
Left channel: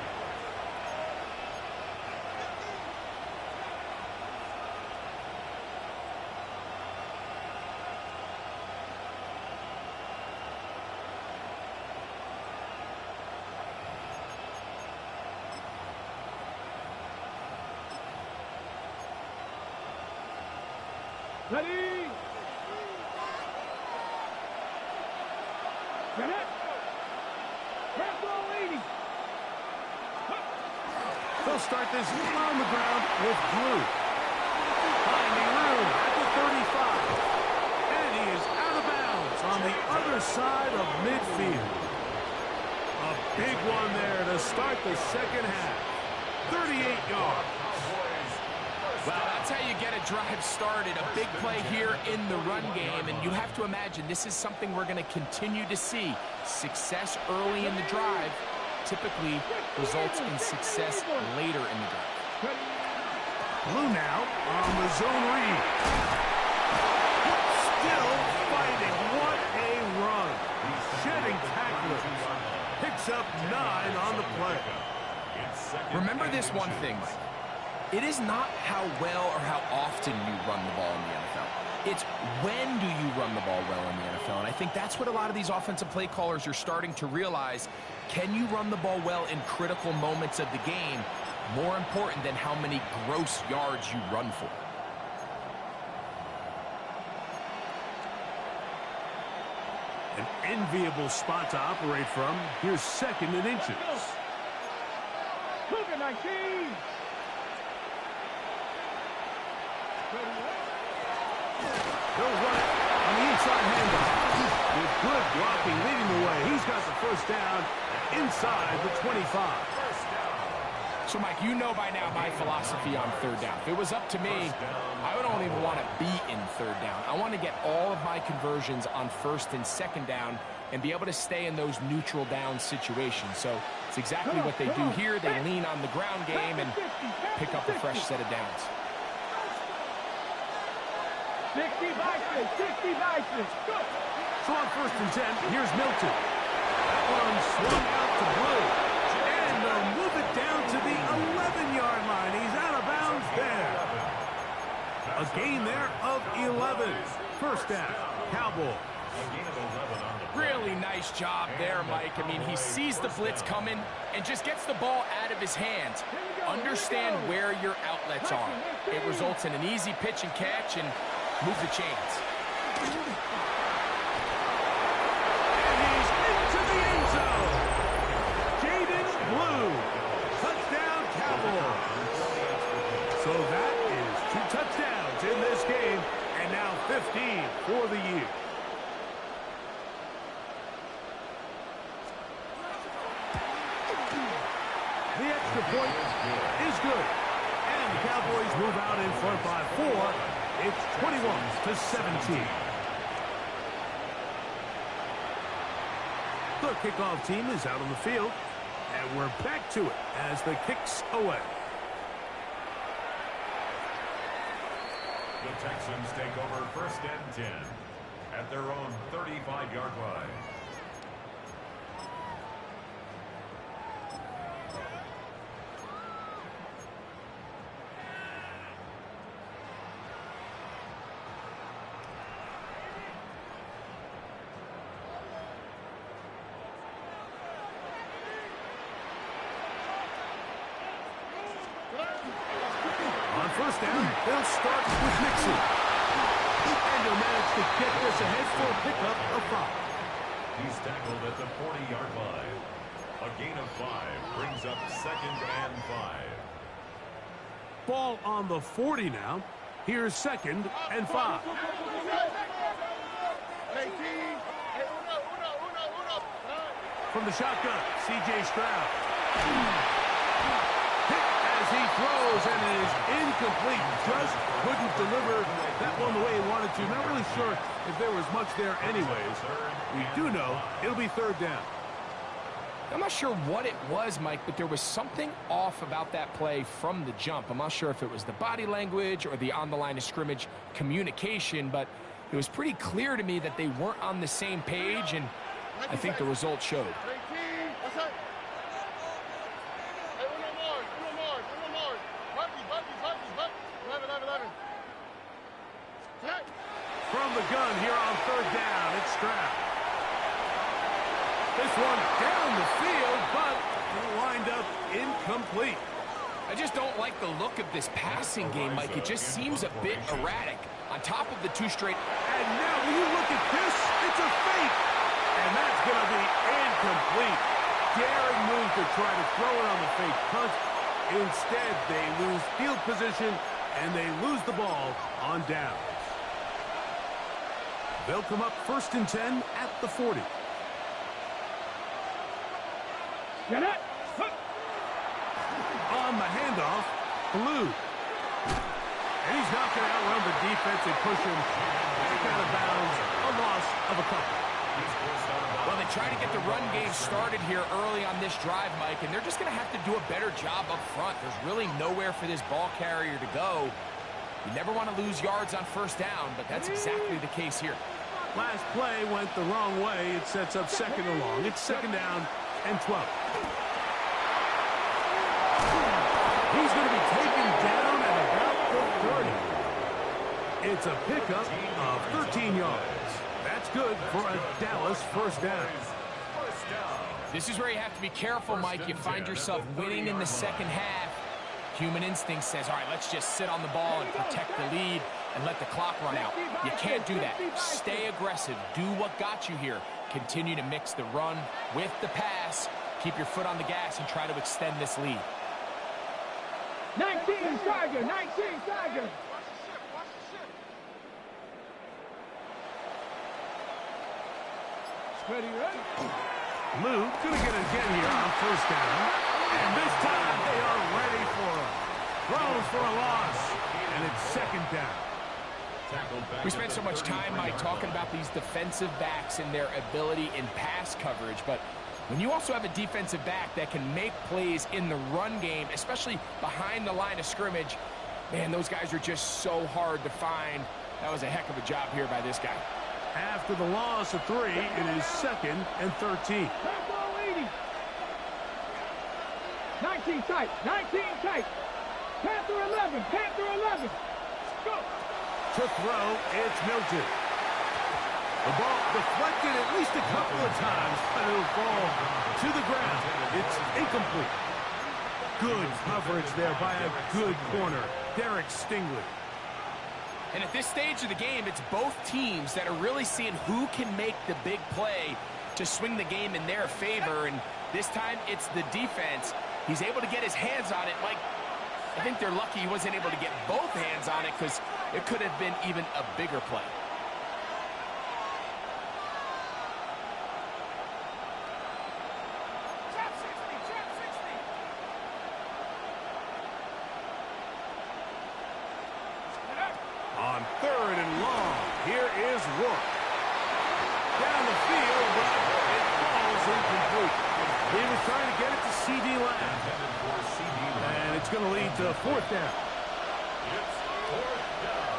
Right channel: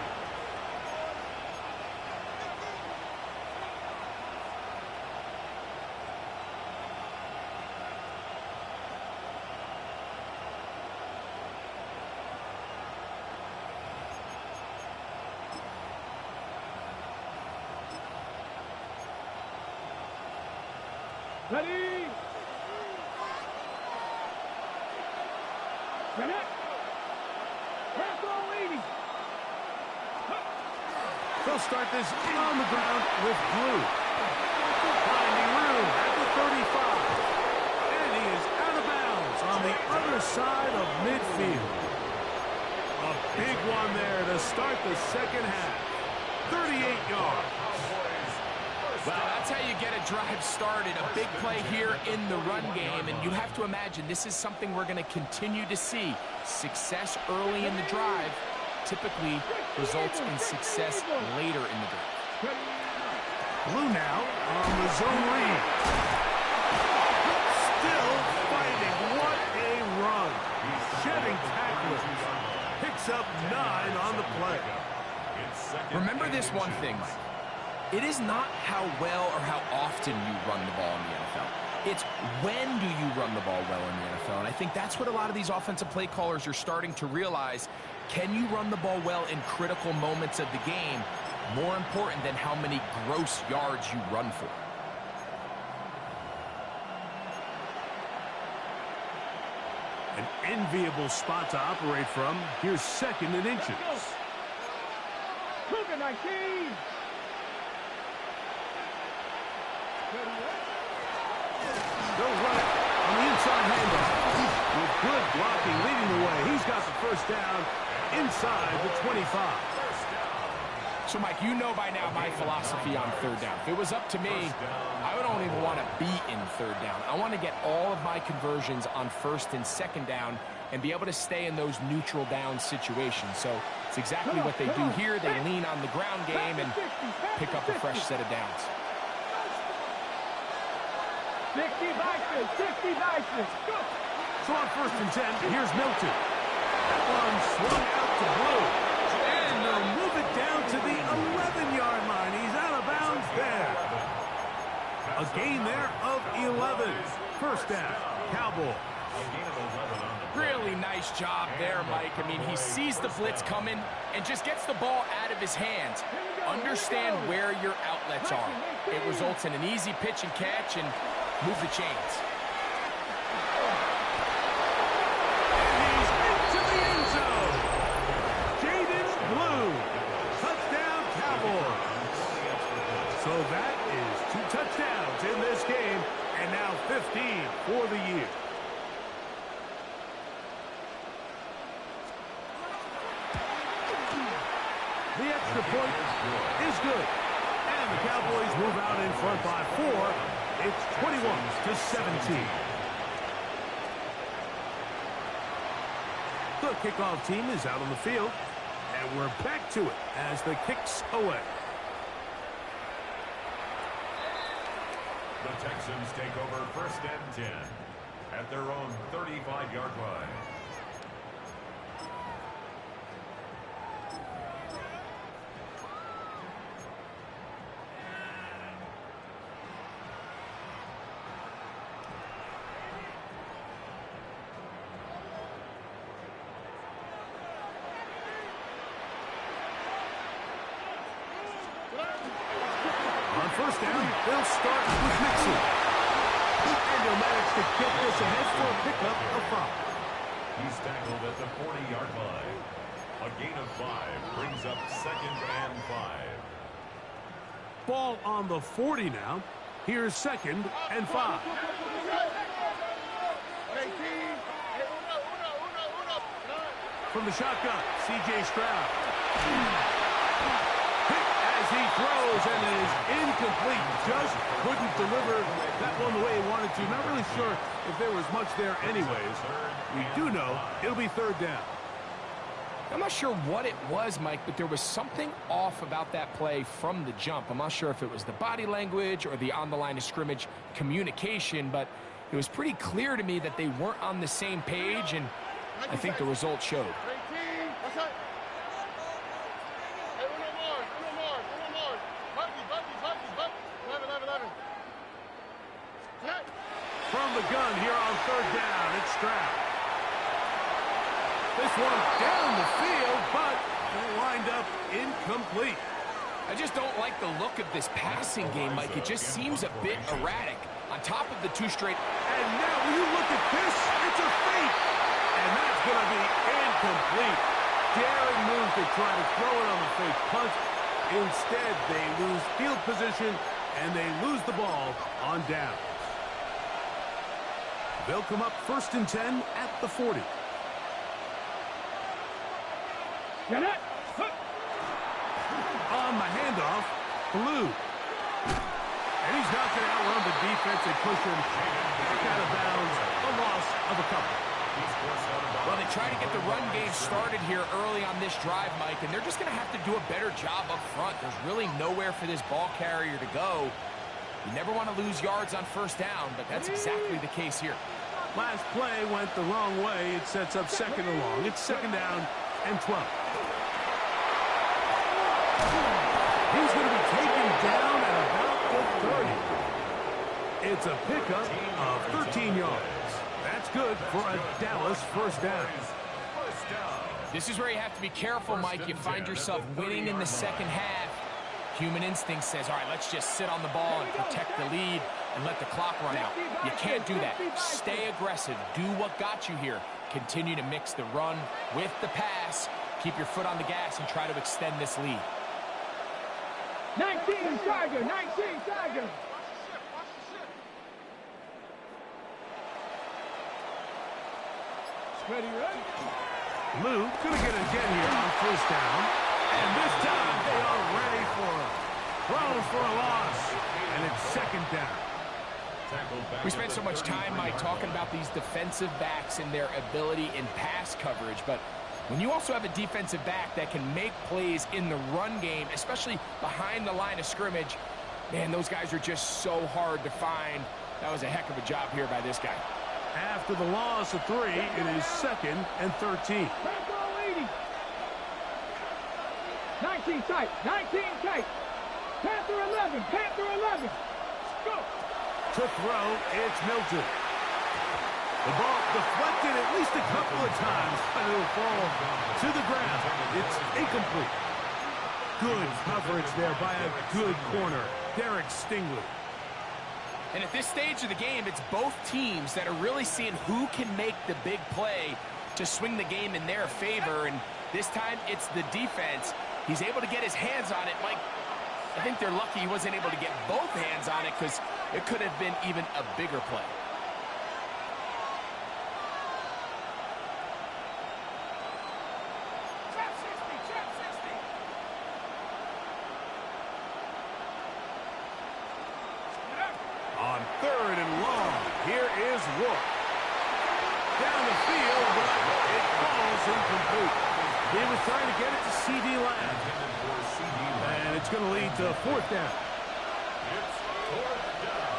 Ready? Get it. Press all 80. They'll start this on the ground with Blue. Finding room at the 35. And he is out of bounds on the other side of midfield. A big one there to start the second half. 38 yards. Well, that's how you get a drive started. A big play here in the run game, and you have to imagine this is something we're going to continue to see. Success early in the drive typically results in success later in the drive. Blue now on the zone read. Still fighting. What a run. Shedding tacklers. Picks up 9 on the play. Remember this one thing, Mike. It is not how well or how often you run the ball in the NFL. It's when do you run the ball well in the NFL. And I think that's what a lot of these offensive play callers are starting to realize. Can you run the ball well in critical moments of the game? More important than how many gross yards you run for. An enviable spot to operate from. Here's 2nd and inches. Cougar 19. They'll run it on the inside handoff. With good blocking leading the way. He's got the first down inside the 25. So, Mike, you know by now my philosophy on 3rd down. If it was up to me, I don't even want to be in 3rd down. I want to get all of my conversions on 1st and 2nd down and be able to stay in those neutral down situations. So it's exactly what they do here. They lean on the ground game and pick up a fresh set of downs. 60 Vikings, 60 Vikings. Go. So on 1st and 10, here's Milton. That one swung out to Blue. And they'll move it down to the 11-yard line. He's out of bounds there. A gain there of 11. First down, Cowboys. Really nice job there, Mike. I mean, he sees the blitz coming and just gets the ball out of his hands. Understand where your outlets are. It results in an easy pitch and catch and move the chains. And he's into the end zone. Jaden Blue. Touchdown, Cowboys. So that is 2 touchdowns in this game, and now 15 for the year. The extra point is good. And the Cowboys move out in front by 4. It's 21-17. The kickoff team is out on the field. And we're back to it as the kick's away. The Texans take over 1st and 10 at their own 35-yard line. On 1st down, they'll start with Mixon. And he'll manage to get this ahead for a pickup of 5. He's tackled at the 40-yard line. A gain of 5 brings up 2nd and 5. Ball on the 40 now. Here's 2nd and 5. From the shotgun, C.J. Stroud. Hit as he throws, and it is incomplete. Just couldn't deliver that one the way he wanted to. Not really sure if there was much there anyways. We do know it'll be 3rd down. I'm not sure what it was, Mike, but there was something off about that play from the jump. I'm not sure if it was the body language or the on the line of scrimmage communication, but it was pretty clear to me that they weren't on the same page, and I think the result showed. From the gun here on 3rd down, it's Stroud. This one down the field, but it'll wind up incomplete. I just don't like the look of this passing game, Mike. It just seems a bit erratic. On top of the 2 straight. And now, when you look at this, it's a fake. And that's going to be incomplete. Daring move to try to throw it on the fake punt. Instead, they lose field position, and they lose the ball on downs. They'll come up 1st and 10 at the 40. Get it! On the handoff, Blue. And he's not going to outrun the defense and push him back out of bounds. A loss of a couple. Well, they try to get the run game started here early on this drive, Mike, and they're just going to have to do a better job up front. There's really nowhere for this ball carrier to go. You never want to lose yards on 1st down, but that's exactly the case here. Last play went the wrong way. It sets up 2nd and long. It's 2nd down and 12. He's going to be taken down at about the 30. It's a pickup of 13 yards. That's good for a Dallas 1st down. This is where you have to be careful, Mike. You find yourself winning in the 2nd half. Human instinct says, all right, let's just sit on the ball and protect the lead and let the clock run out. You can't do that. Stay aggressive. Do what got you here. Continue to mix the run with the pass. Keep your foot on the gas and try to extend this lead. 19 Tiger, 19 Tiger. Ready, ready? Lou going to get it again here on 1st down. And this time they are ready for him. Thrown for a loss. And it's 2nd down. We spent so much time, Mike, talking about these defensive backs and their ability in pass coverage, but when you also have a defensive back that can make plays in the run game, especially behind the line of scrimmage, man, those guys are just so hard to find. That was a heck of a job here by this guy. After the loss of 3, it is 2nd and 13. 19 tight, 19 tight. Panther 11, Panther 11. Go. To throw, it's Milton. The ball deflected at least a couple of times, but it'll fall to the ground. It's incomplete. Good coverage there by a good corner, Derek Stingley. And at this stage of the game, it's both teams that are really seeing who can make the big play to swing the game in their favor. And this time, it's the defense. He's able to get his hands on it. Mike, I think they're lucky he wasn't able to get both hands on it because it could have been even a bigger play. On 3rd and long, here is Rourke. Down the field, but it falls incomplete. He was trying to get it to C.D. Lamb. And it's going to lead to 4th down. It's 4th down.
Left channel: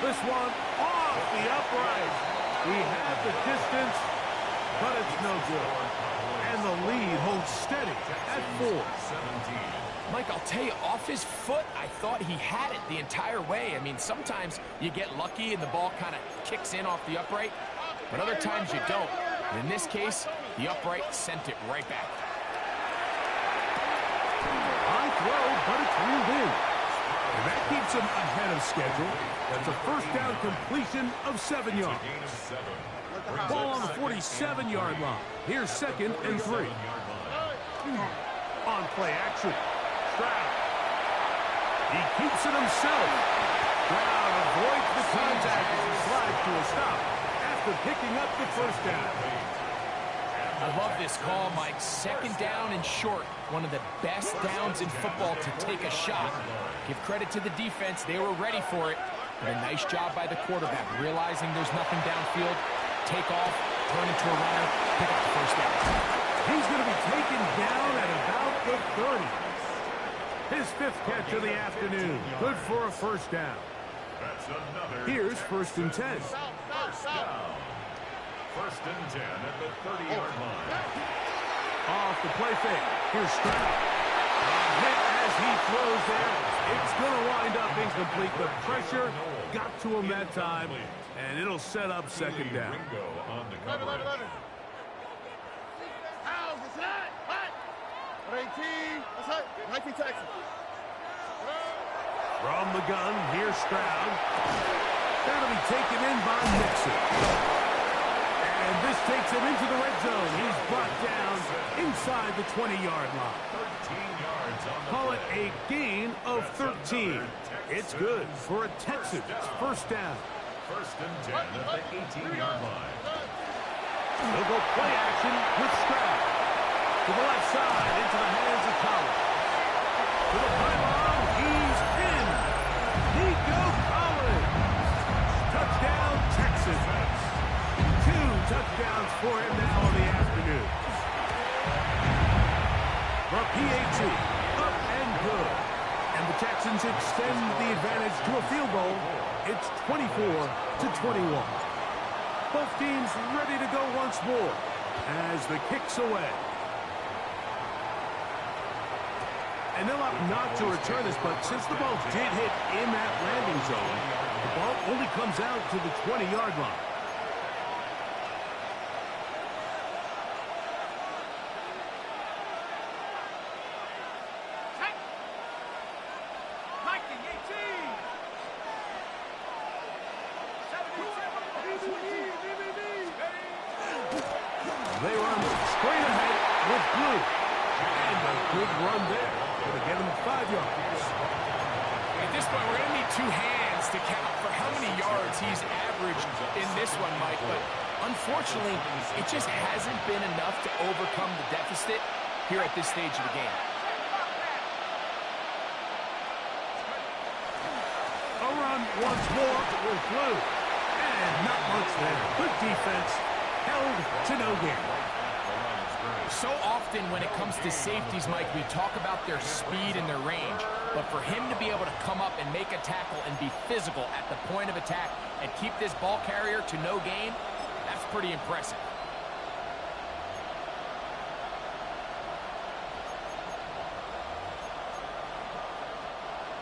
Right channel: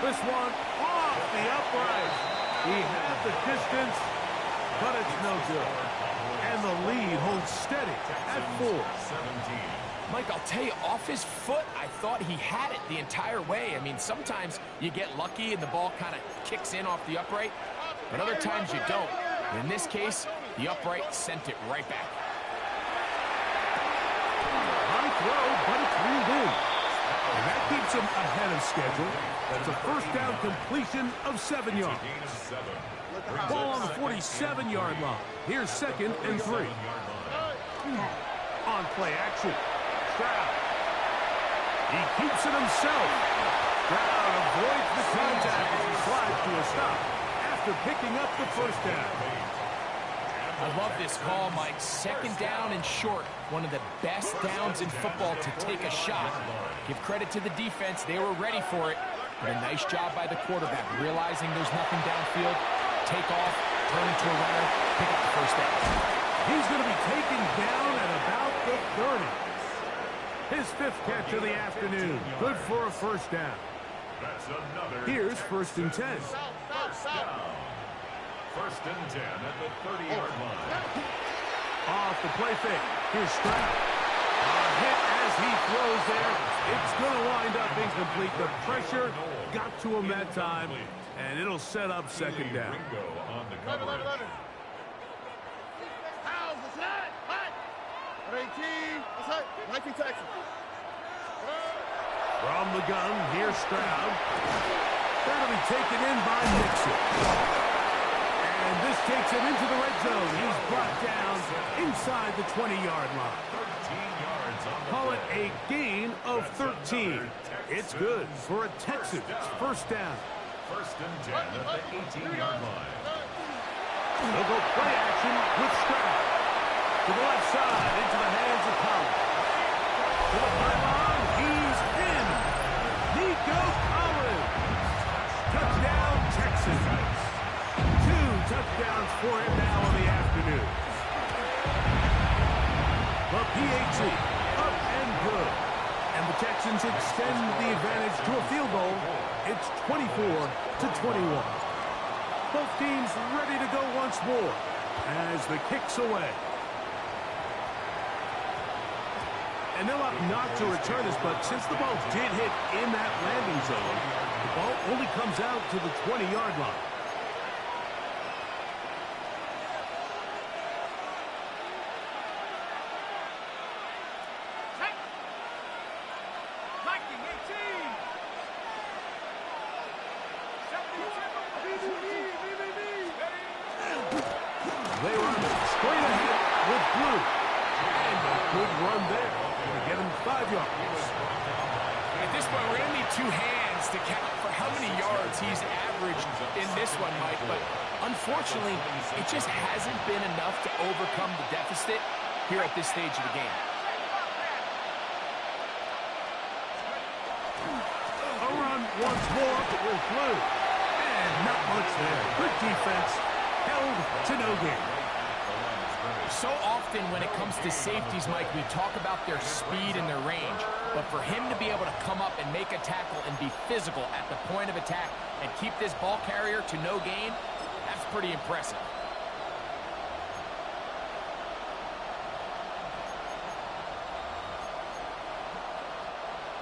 This one off the upright. He had the distance, but it's no good. And the lead holds steady at 4. 17. Mike, I'll tell you, off his foot, I thought he had it the entire way. I mean, sometimes you get lucky and the ball kind of kicks in off the upright, but other times you don't. And in this case, the upright sent it right back. High throw, but it's reeled in. And that keeps him ahead of schedule. That's a first down completion of 7 yards. Gain of 7. Ball on the 47-yard line. Here's 2nd and 3. On play action. Stroud. He keeps it himself. Stroud avoids the contact as he slides to a stop after picking up the first down. I love this call, Mike. 2nd down and short. One of the best downs in football to take a shot. Give credit to the defense. They were ready for it. But a nice job by the quarterback, realizing there's nothing downfield. Take off, turn into a runner, pick up the first down. He's going to be taken down at about the 30. His 5th catch of the afternoon. Good for a first down. That's another. Here's 1st and 10. First down. 1st and 10 at the 30-yard line. Off the play fake. Here's Stroud. A hit as he throws there. It's going to wind up incomplete. The pressure got to him that time, and it'll set up 2nd down. Ringo on the coverage. How's the snap? Hot. 18. That's right. 19 Texas. From the gun, here's Stroud. That'll be taken in by Nixon. And this takes him into the red zone. He's brought down inside the 20-yard line. 13 yards on the Call it play. a gain of 13. It's good for a Texans first down. 1st and 10 at the 18-yard line. They'll go play action with Stroud. To the left side, into the hands of Collins. To the pylon, he's in. Nico Collins. Touchdown, Texans. 2 touchdowns for him now in the afternoon. The PAT, up and good. And the Texans extend the advantage to a field goal. It's 24-21. Both teams ready to go once more as the kick's away. And they'll opt not to return this, but since the ball did hit in that landing zone, the ball only comes out to the 20-yard line. They run straight ahead with blue. And a good run there. Going to get him 5 yards. At this point, we're going to need 2 hands to count for how many yards he's averaged in this one, Mike. But unfortunately, it just hasn't been enough to overcome the deficit here at this stage of the game. A run once more with blue. And not much there. Good defense. Held to no gain. So often when it comes to safeties, Mike, we talk about their speed and their range. But for him to be able to come up and make a tackle and be physical at the point of attack and keep this ball carrier to no gain, that's pretty impressive.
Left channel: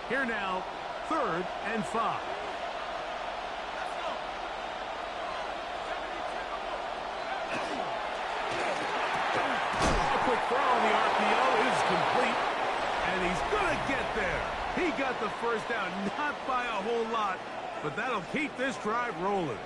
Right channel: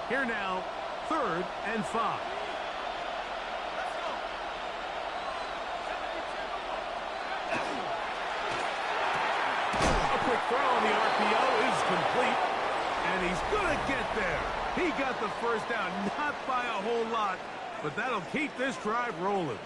Here now, 3rd and 5. Quick throw on the RPO is complete, and he's going to get there. He got the first down, not by a whole lot, but that'll keep this drive rolling.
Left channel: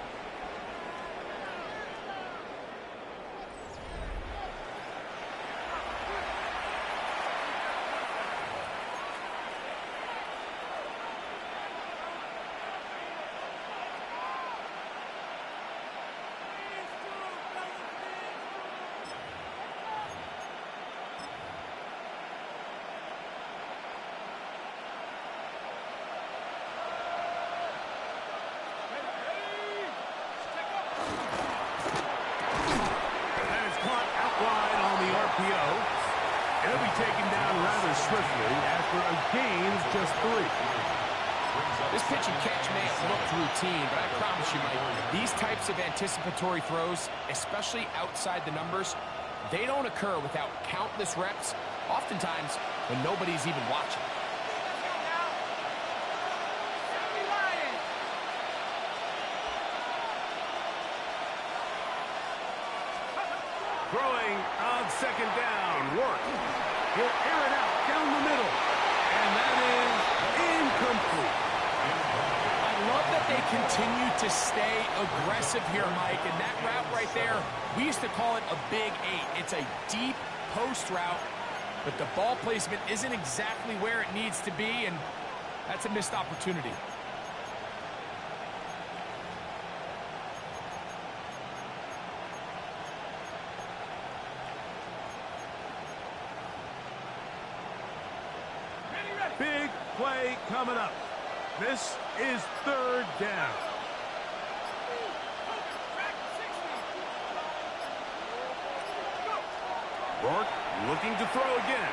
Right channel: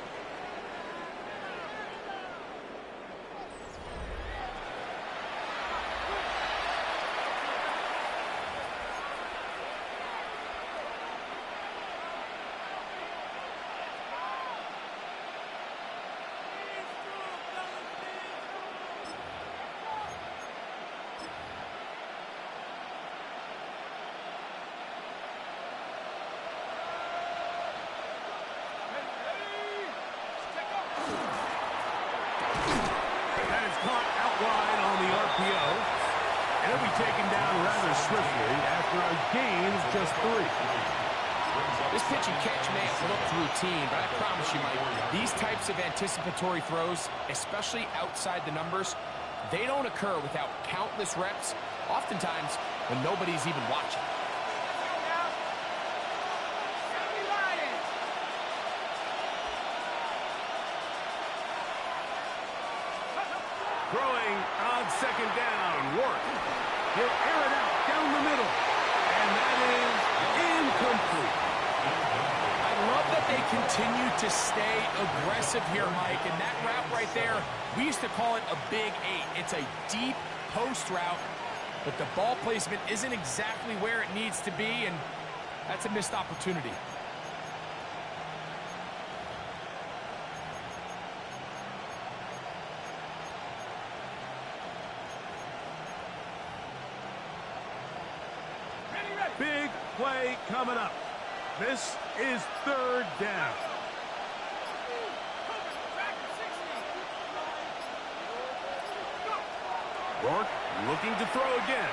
Wide on the RPO. And he'll be taken down rather swiftly after a gain of just 3. This pitch and catch may have looked routine, but I promise you, Mike, these types of anticipatory throws, especially outside the numbers, they don't occur without countless reps, oftentimes when nobody's even watching. Throwing on 2nd down. Work. He'll air it out down the middle. And that is Incomplete. I love that they continue to stay aggressive here, Mike, and that route right there, we used to call it a big 8. It's a deep post route, but the ball placement isn't exactly where it needs to be, and that's a missed opportunity. Big play coming up. This is third down. Rourke looking to throw again.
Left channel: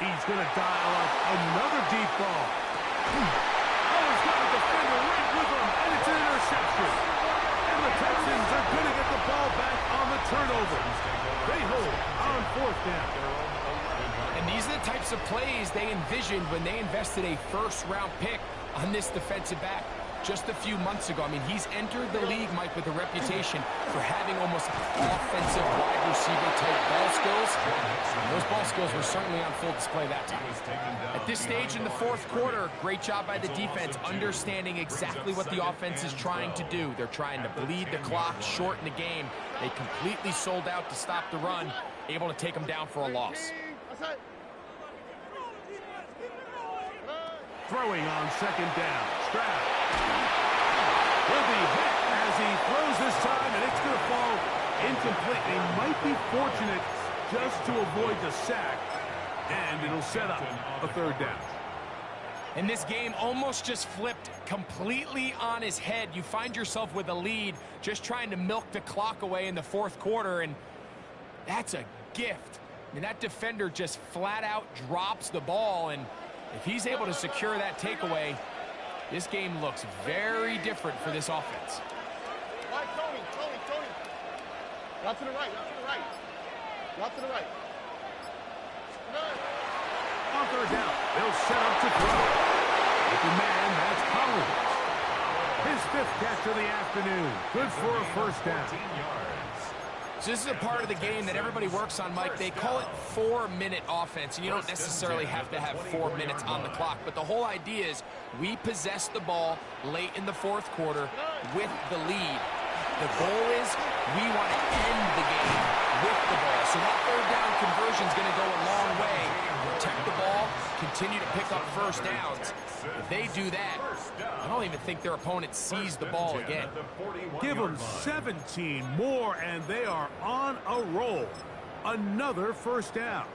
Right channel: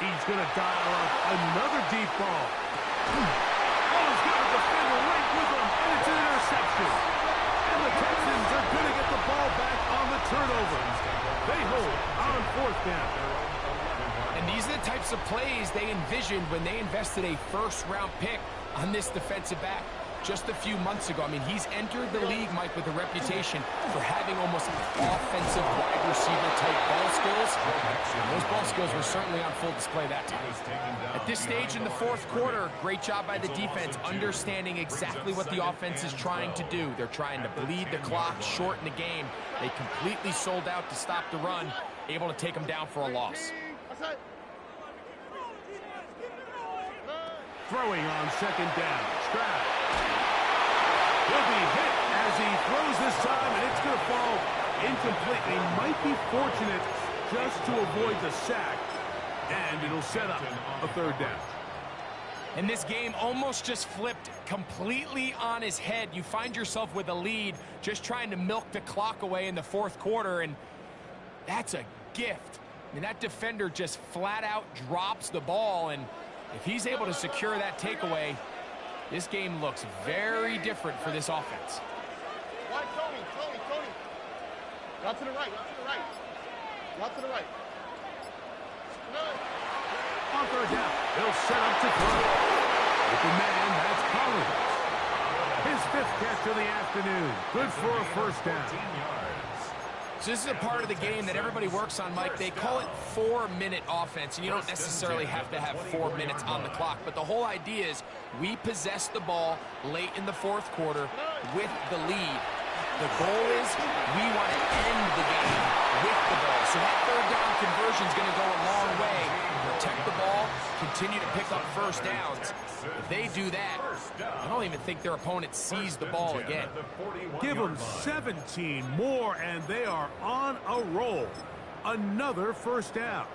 He's going to dial up another deep ball. Oh, he's got a defender right with him, and it's an interception. And the Texans are going to get the ball back on the turnover. They hold on fourth down. And these are the types of plays they envisioned when they invested a first-round pick on this defensive back just a few months ago. I mean, he's entered the league, Mike, with a reputation for having almost offensive wide receiver-type ball skills. And those ball skills were certainly on full display that time. At this stage in the fourth quarter, great job by the defense, understanding exactly what the offense is trying to do. They're trying to bleed the clock, shorten the game. They completely sold out to stop the run, able to take them down for a loss. Throwing on second down. Stroud. He'll be hit as he throws this time, and it's going to fall incomplete. They might be fortunate just to avoid the sack, and it'll set up a third down. And this game almost just flipped completely on his head. You find yourself with a lead, just trying to milk the clock away in the fourth quarter, and that's a gift. I mean, that defender just flat out drops the ball, and if he's able to secure that takeaway, this game looks very different for this offense. Right, Tony. Out to the right. On third down, they'll set up to throw. With the man, that's Collins. His fifth catch of the afternoon. Good for a first down. So this is a part of the game that everybody works on, Mike. They call it 4-minute offense, and you don't necessarily have to have 4 minutes on the clock. But the whole idea is we possess the ball late in the fourth quarter with the lead. The goal is we want to end the game with the ball. So that third down conversion is going to go a long way. Protect the ball, continue to pick up first downs. If they do that, I don't even think their opponent sees the ball again. Give them 17 more, and they are on a roll. Another first down.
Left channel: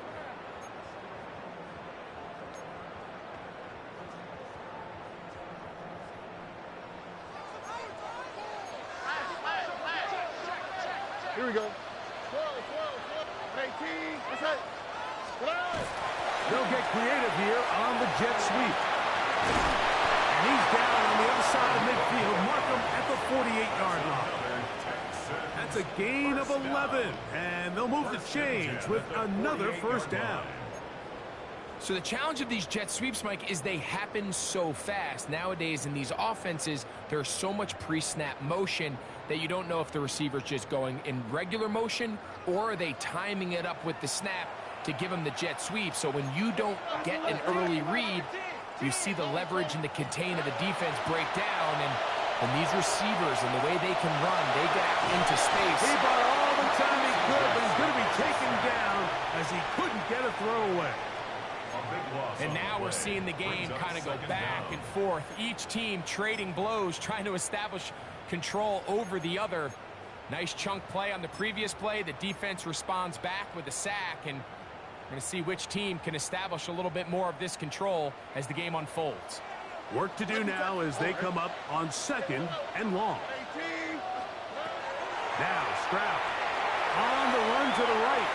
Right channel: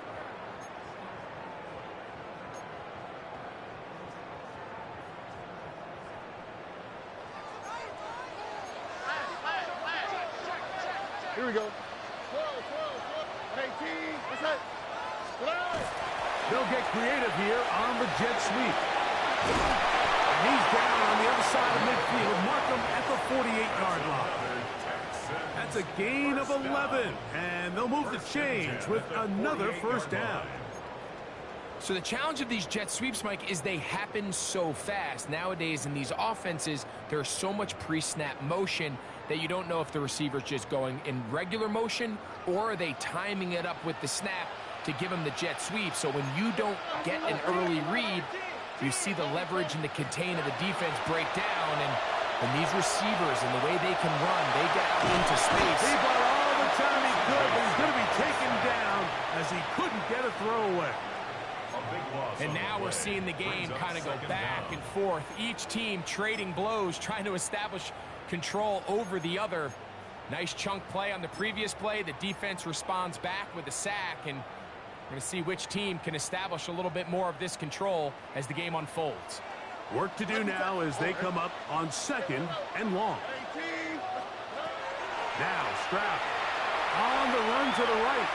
Here we go. 12. 18. That's it. They'll get creative here on the jet sweep. And he's down on the other side of midfield. Mark him at the 48-yard line. That's a gain of 11. And they'll move the chains with another first down. So the challenge of these jet sweeps, Mike, is they happen so fast. Nowadays in these offenses, there's so much pre-snap motion that you don't know if the receiver's just going in regular motion or are they timing it up with the snap to give them the jet sweep. So when you don't get an early read, you see the leverage and the contain of the defense break down, and these receivers and the way they can run, they get out into space. He bought all the time he could, but he's going to be taken down as he couldn't get a throwaway. And now we're seeing the game kind of go back and forth. Each team trading blows, trying to establish control over the other. Nice chunk play on the previous play. The defense responds back with a sack, and we're going to see which team can establish a little bit more of this control as the game unfolds. Work to do now as they come up on second and long. Now Stroud on the run to the right.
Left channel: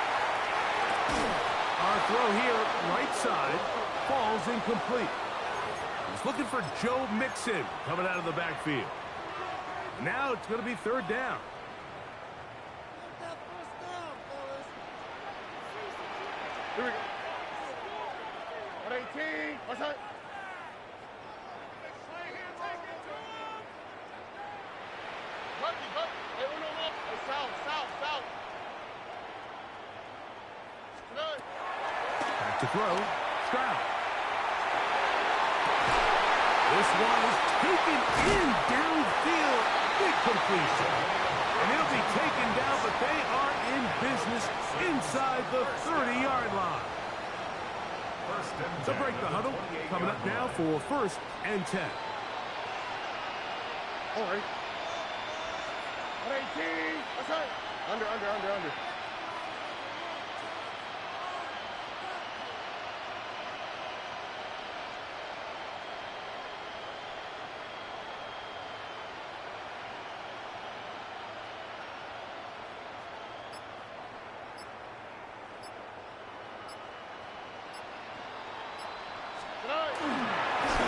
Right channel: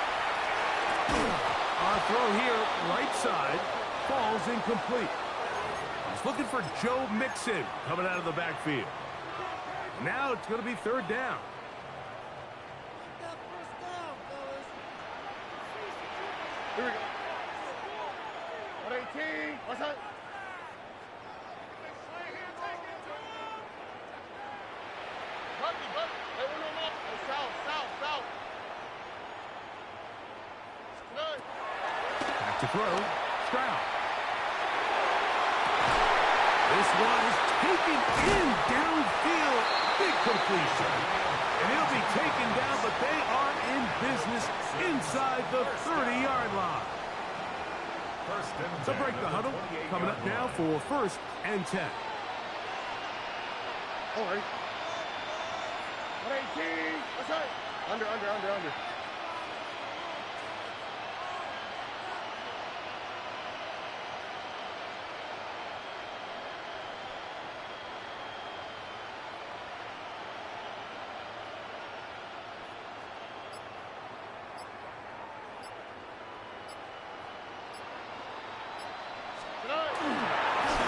Our throw here, right side, falls incomplete. He's looking for Joe Mixon coming out of the backfield. Now it's going to be third down. Here we go. 118. What's that? South. Back to throw. Stroud. This one is taken in downfield. Big completion. And he'll be taken down, but they are in business inside the 30-yard line. To break the huddle, coming up now for 1st and 10. All right. 118. What's that? Under.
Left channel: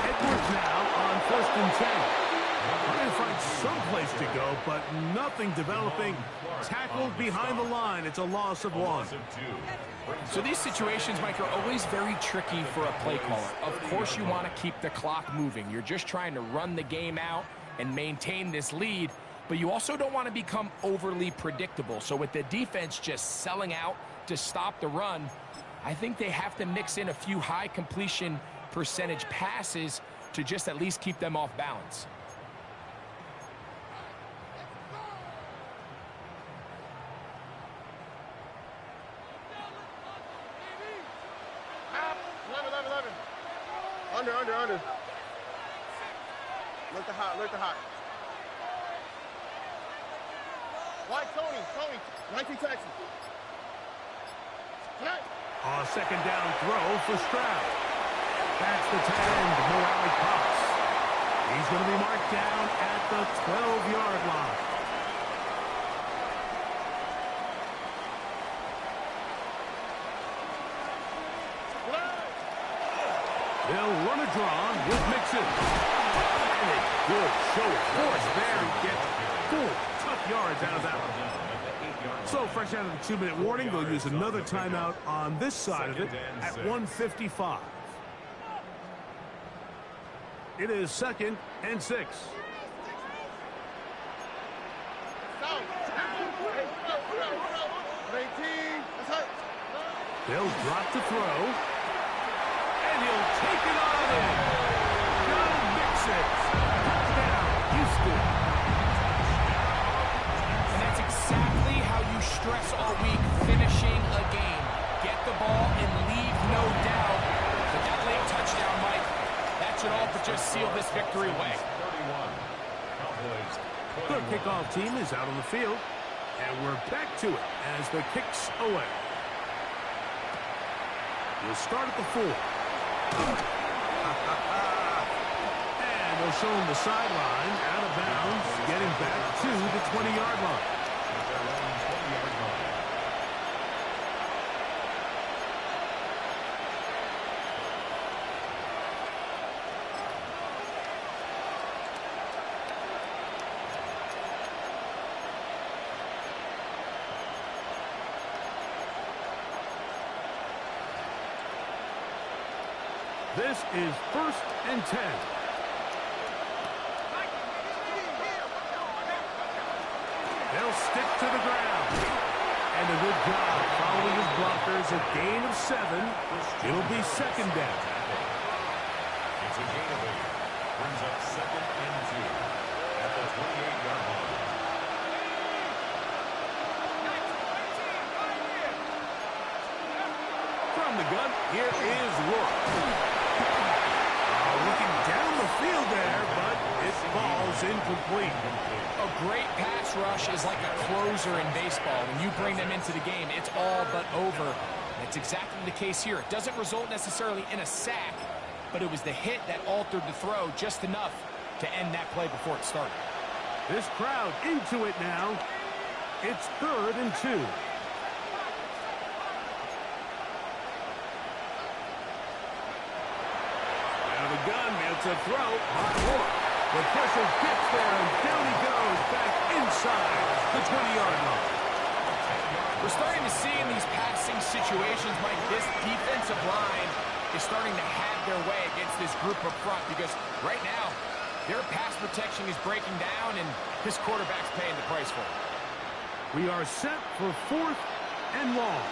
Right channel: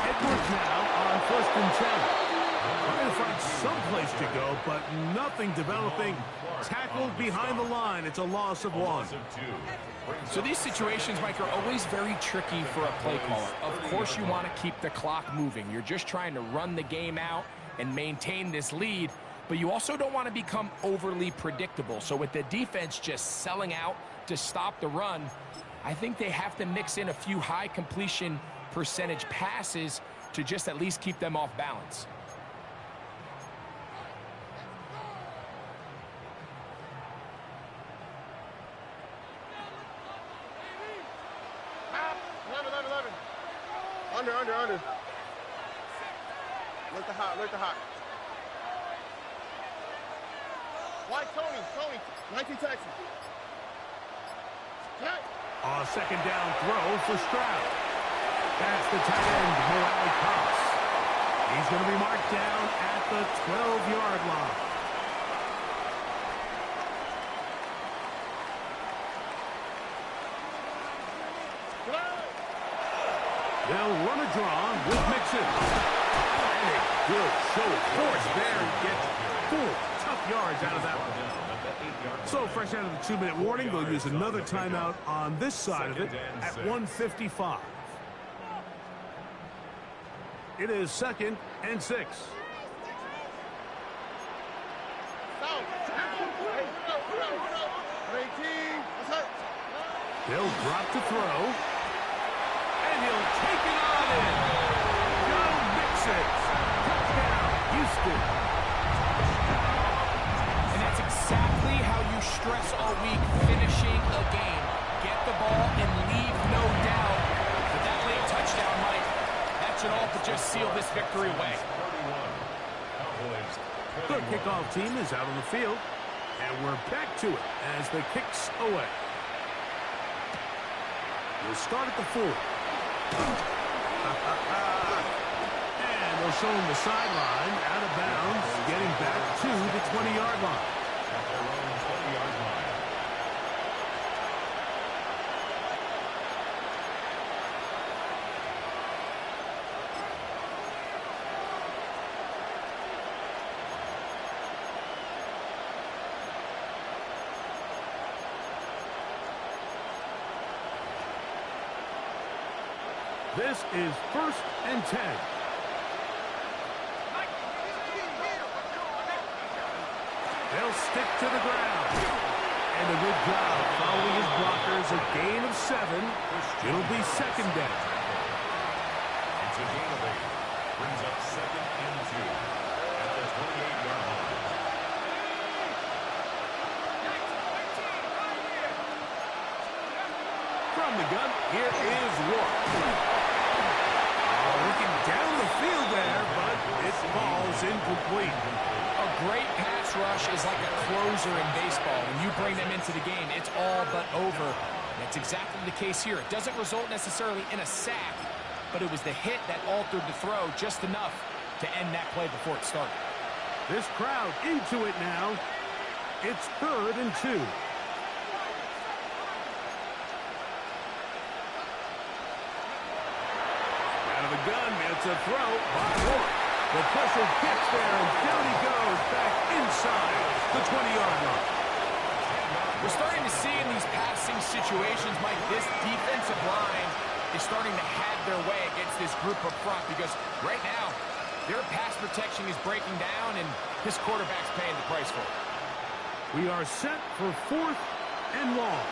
Edwards now on 1st and 10. Trying to find some place to go, but nothing developing. Tackled behind the line. It's a loss of 1. So these situations, Mike, are always very tricky for a play caller. Of course you want to keep the clock moving. You're just trying to run the game out and maintain this lead, but you also don't want to become overly predictable. So with the defense just selling out to stop the run, I think they have to mix in a few high completion percentage passes to just at least keep them off balance. Under. Look the hot. White Tony. 19 Texas. A 2nd down throw for Stroud. That's the tight end, Morale Cox. He's going to be marked down at the 12-yard line. They'll run a draw with Mixon. And a good show of force there. And gets 4 tough yards out of that one. So fresh out of the 2-minute warning, they'll use another timeout on this side of it at 1:55. It is 2nd and 6. They'll drop to throw. And he'll take it on in. Go Mixon. Touchdown, Houston. And that's exactly how you stress all week, finishing a game. Get the ball and leave no doubt. But that late touchdown, Mike, that should all but just seal this victory away. The kickoff team is out on the field. And we're back to it as the kick's away. We'll start at the 4. And they'll show him the sideline, out of bounds, getting back to the 20-yard line. At their own 20-yard line. This is 1st and 10. They'll stick to the ground. And a good job following his blockers. A gain of 7. It'll be 2nd down. It's a gain of 8. Brings up 2nd and 2 at the 28-yard line. From the gun, here is Rourke. Looking down the field there, but it falls incomplete. A great pass rush is like a closer in baseball. When you bring them into the game, it's all but over. That's exactly the case here. It doesn't result necessarily in a sack, but it was the hit that altered the throw just enough to end that play before it started. This crowd into it now. It's 3rd and 2. The gun, it's a throw by Rourke. The pressure gets there, and down he goes back inside the 20-yard line. We're starting to see in these passing situations, Mike, this defensive line is starting to have their way against this group up front because right now, their pass protection is breaking down, and this quarterback's paying the price for it. We are set for 4th and long.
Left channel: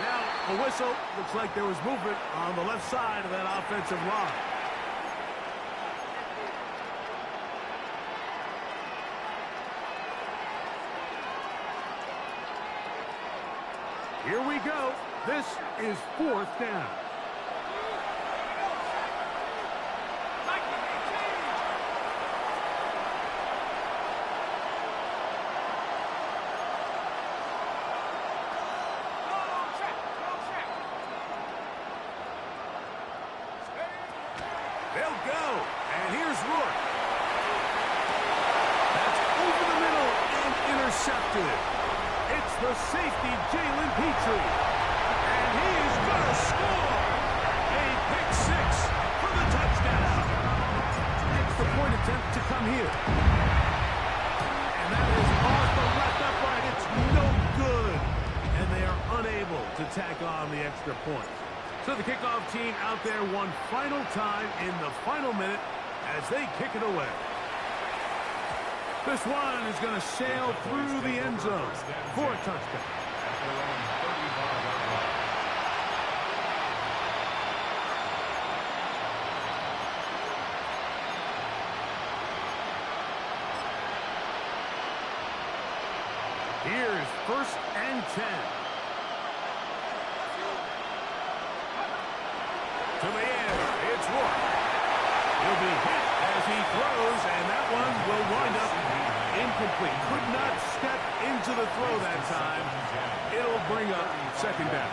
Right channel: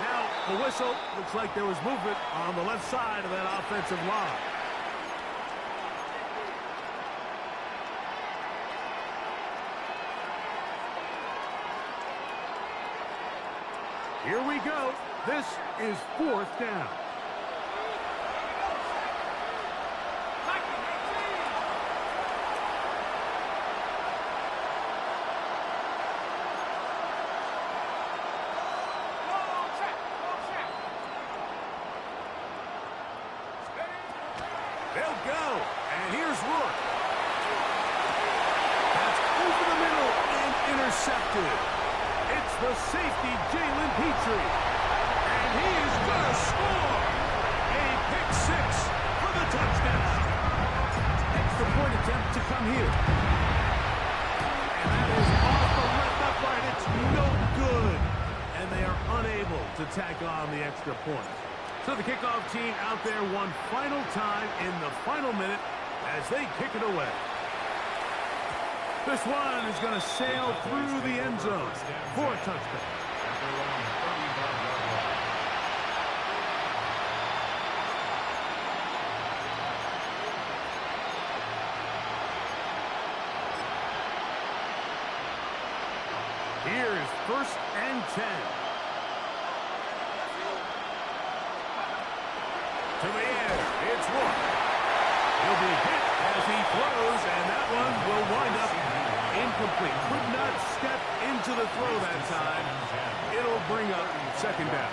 Now, a whistle. Looks like there was movement on the left side of that offensive line. Here we go. This is 4th down. They'll go. And here's Rourke. That's over the middle and intercepted. It's the safety, Jalen Petrie. And he is going to score. A pick six for the touchdown. Extra point attempt to come here. And that is off the left upright. It's no good. And they are unable to tack on the extra point. So the kickoff team out there one final time in the final minute as they kick it away. This one is going to sail through the end zone for a touchdown. Here's 1st and 10. To the air, it's Rourke. He'll be hit as he throws, and that one will wind up incomplete. Could not step into the throw that time. It'll bring up 2nd down.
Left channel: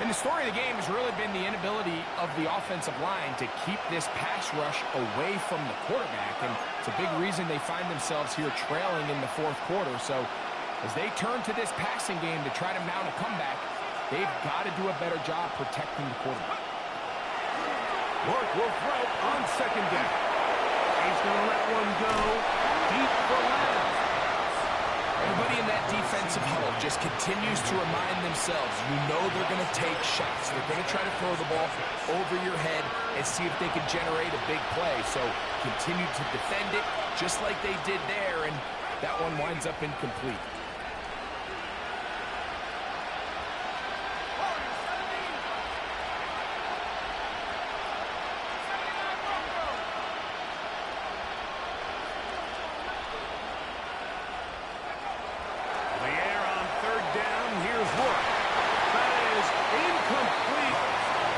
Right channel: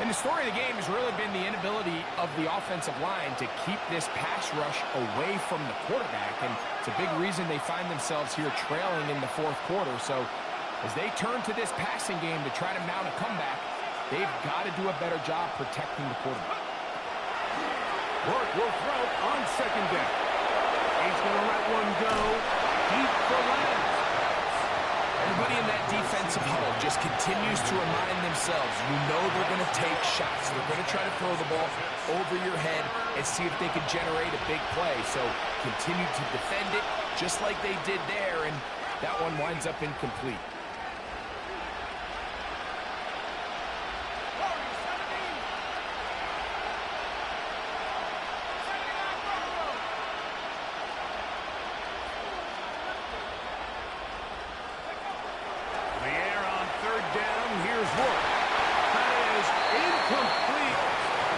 And the story of the game has really been the inability of the offensive line to keep this pass rush away from the quarterback. And it's a big reason they find themselves here trailing in the 4th quarter. So as they turn to this passing game to try to mount a comeback, they've got to do a better job protecting the quarterback. Rourke will throw on 2nd down. He's going to let one go deep for Lamb. Everybody in that defensive huddle just continues to remind themselves, you know they're going to take shots. They're going to try to throw the ball over your head and see if they can generate a big play. So continue to defend it just like they did there, and that one winds up incomplete.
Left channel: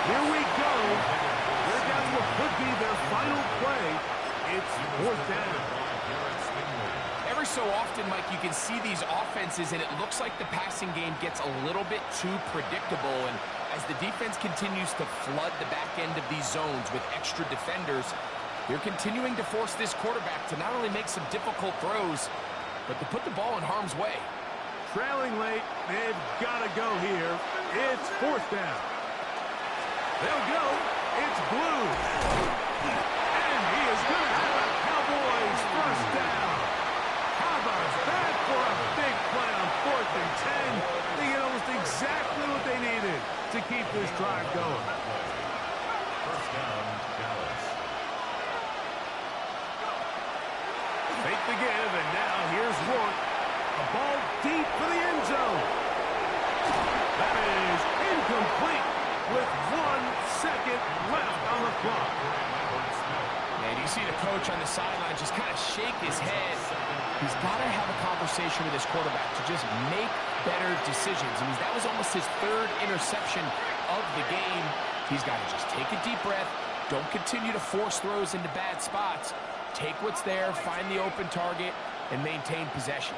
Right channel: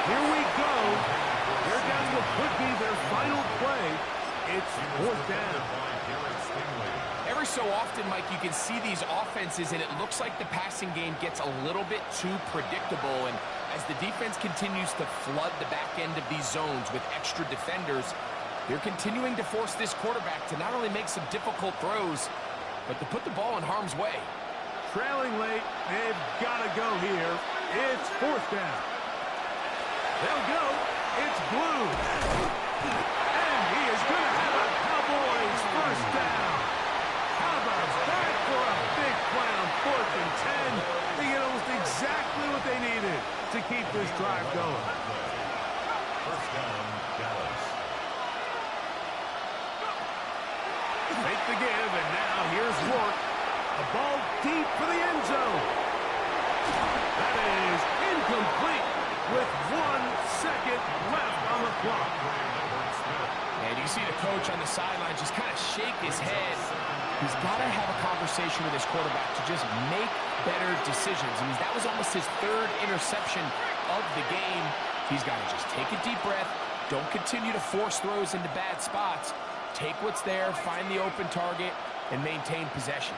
Here we go. They're down to what could be their final play. It's 4th down. Every so often, Mike, you can see these offenses, and it looks like the passing game gets a little bit too predictable. And as the defense continues to flood the back end of these zones with extra defenders, they're continuing to force this quarterback to not only make some difficult throws, but to put the ball in harm's way. Trailing late, they've got to go here. It's 4th down. They'll go. It's Blue. And he is going to have a Cowboys 1st down. How about that for a big play on 4th and 10? They get almost exactly what they needed to keep this drive going. 1st down, Dallas. Fake the give, and now here's Rourke. A ball deep for the end zone. That is incomplete with 1 second left on the clock. And you see the coach on the sideline just kind of shake his head. He's got to have a conversation with his quarterback to just make better decisions. I mean, that was almost his 3rd interception of the game. He's got to just take a deep breath. Don't continue to force throws into bad spots. Take what's there, find the open target, and maintain possession.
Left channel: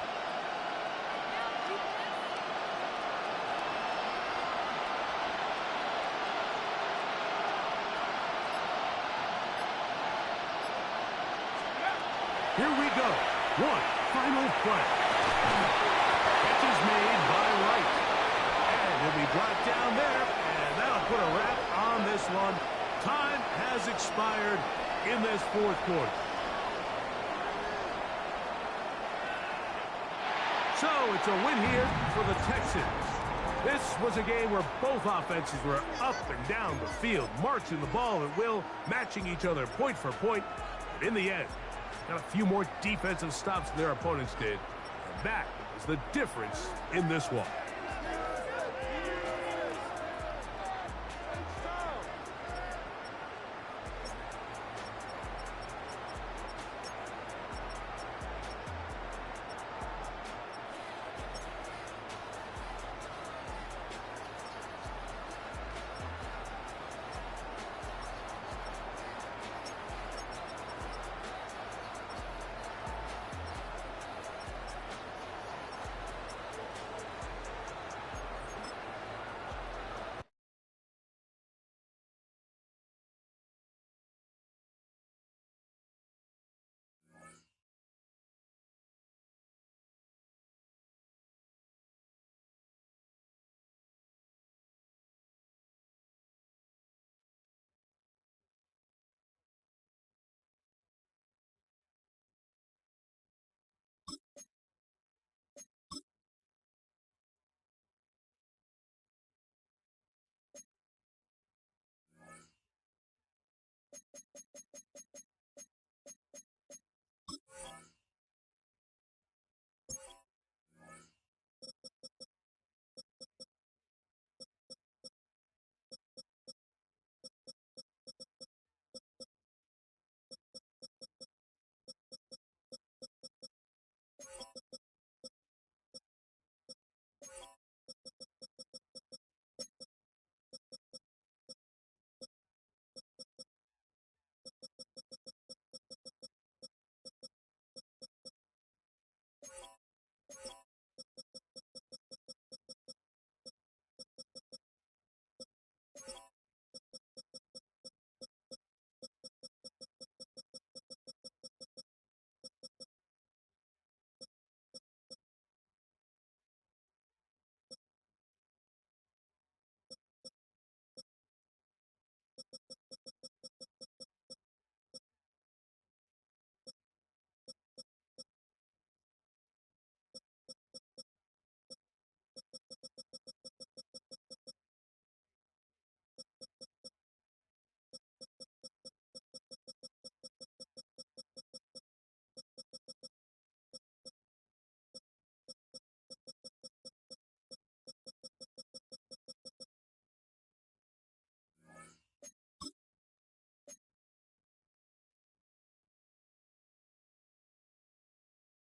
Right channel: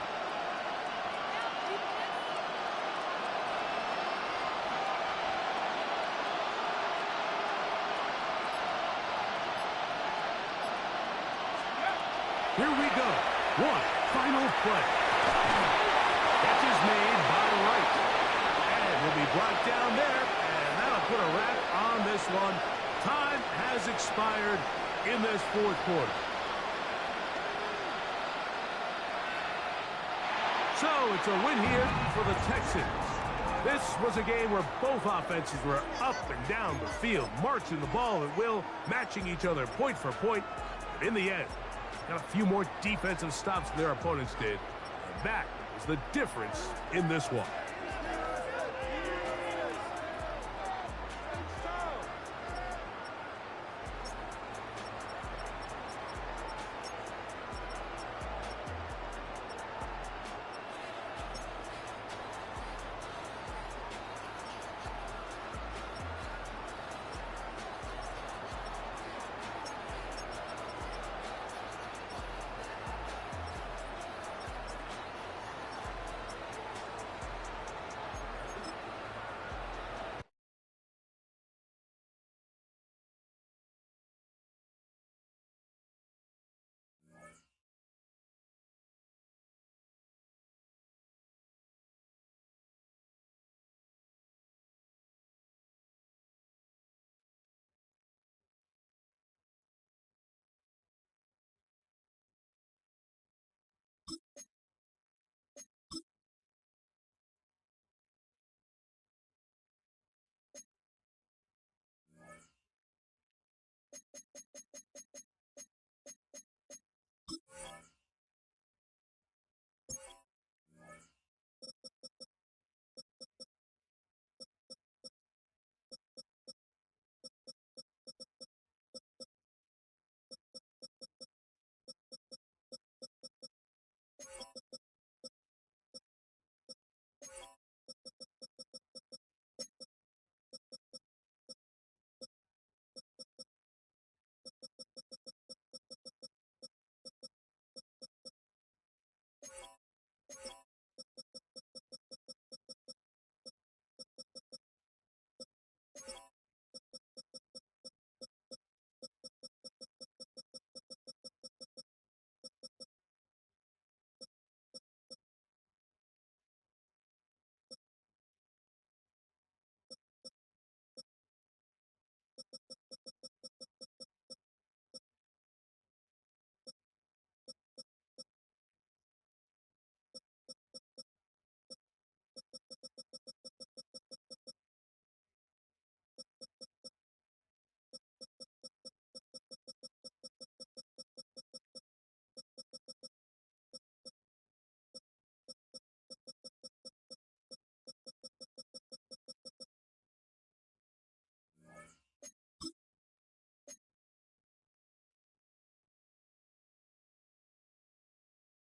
Here we go. One final play. Catch is made by Wright. And he'll be brought down there, and that'll put a wrap on this one. Time has expired in this 4th quarter. So it's a win here for the Texans. This was a game where both offenses were up and down the field, marching the ball at will, matching each other point for point. But in the end, got a few more defensive stops than their opponents did. And that is the difference in this one.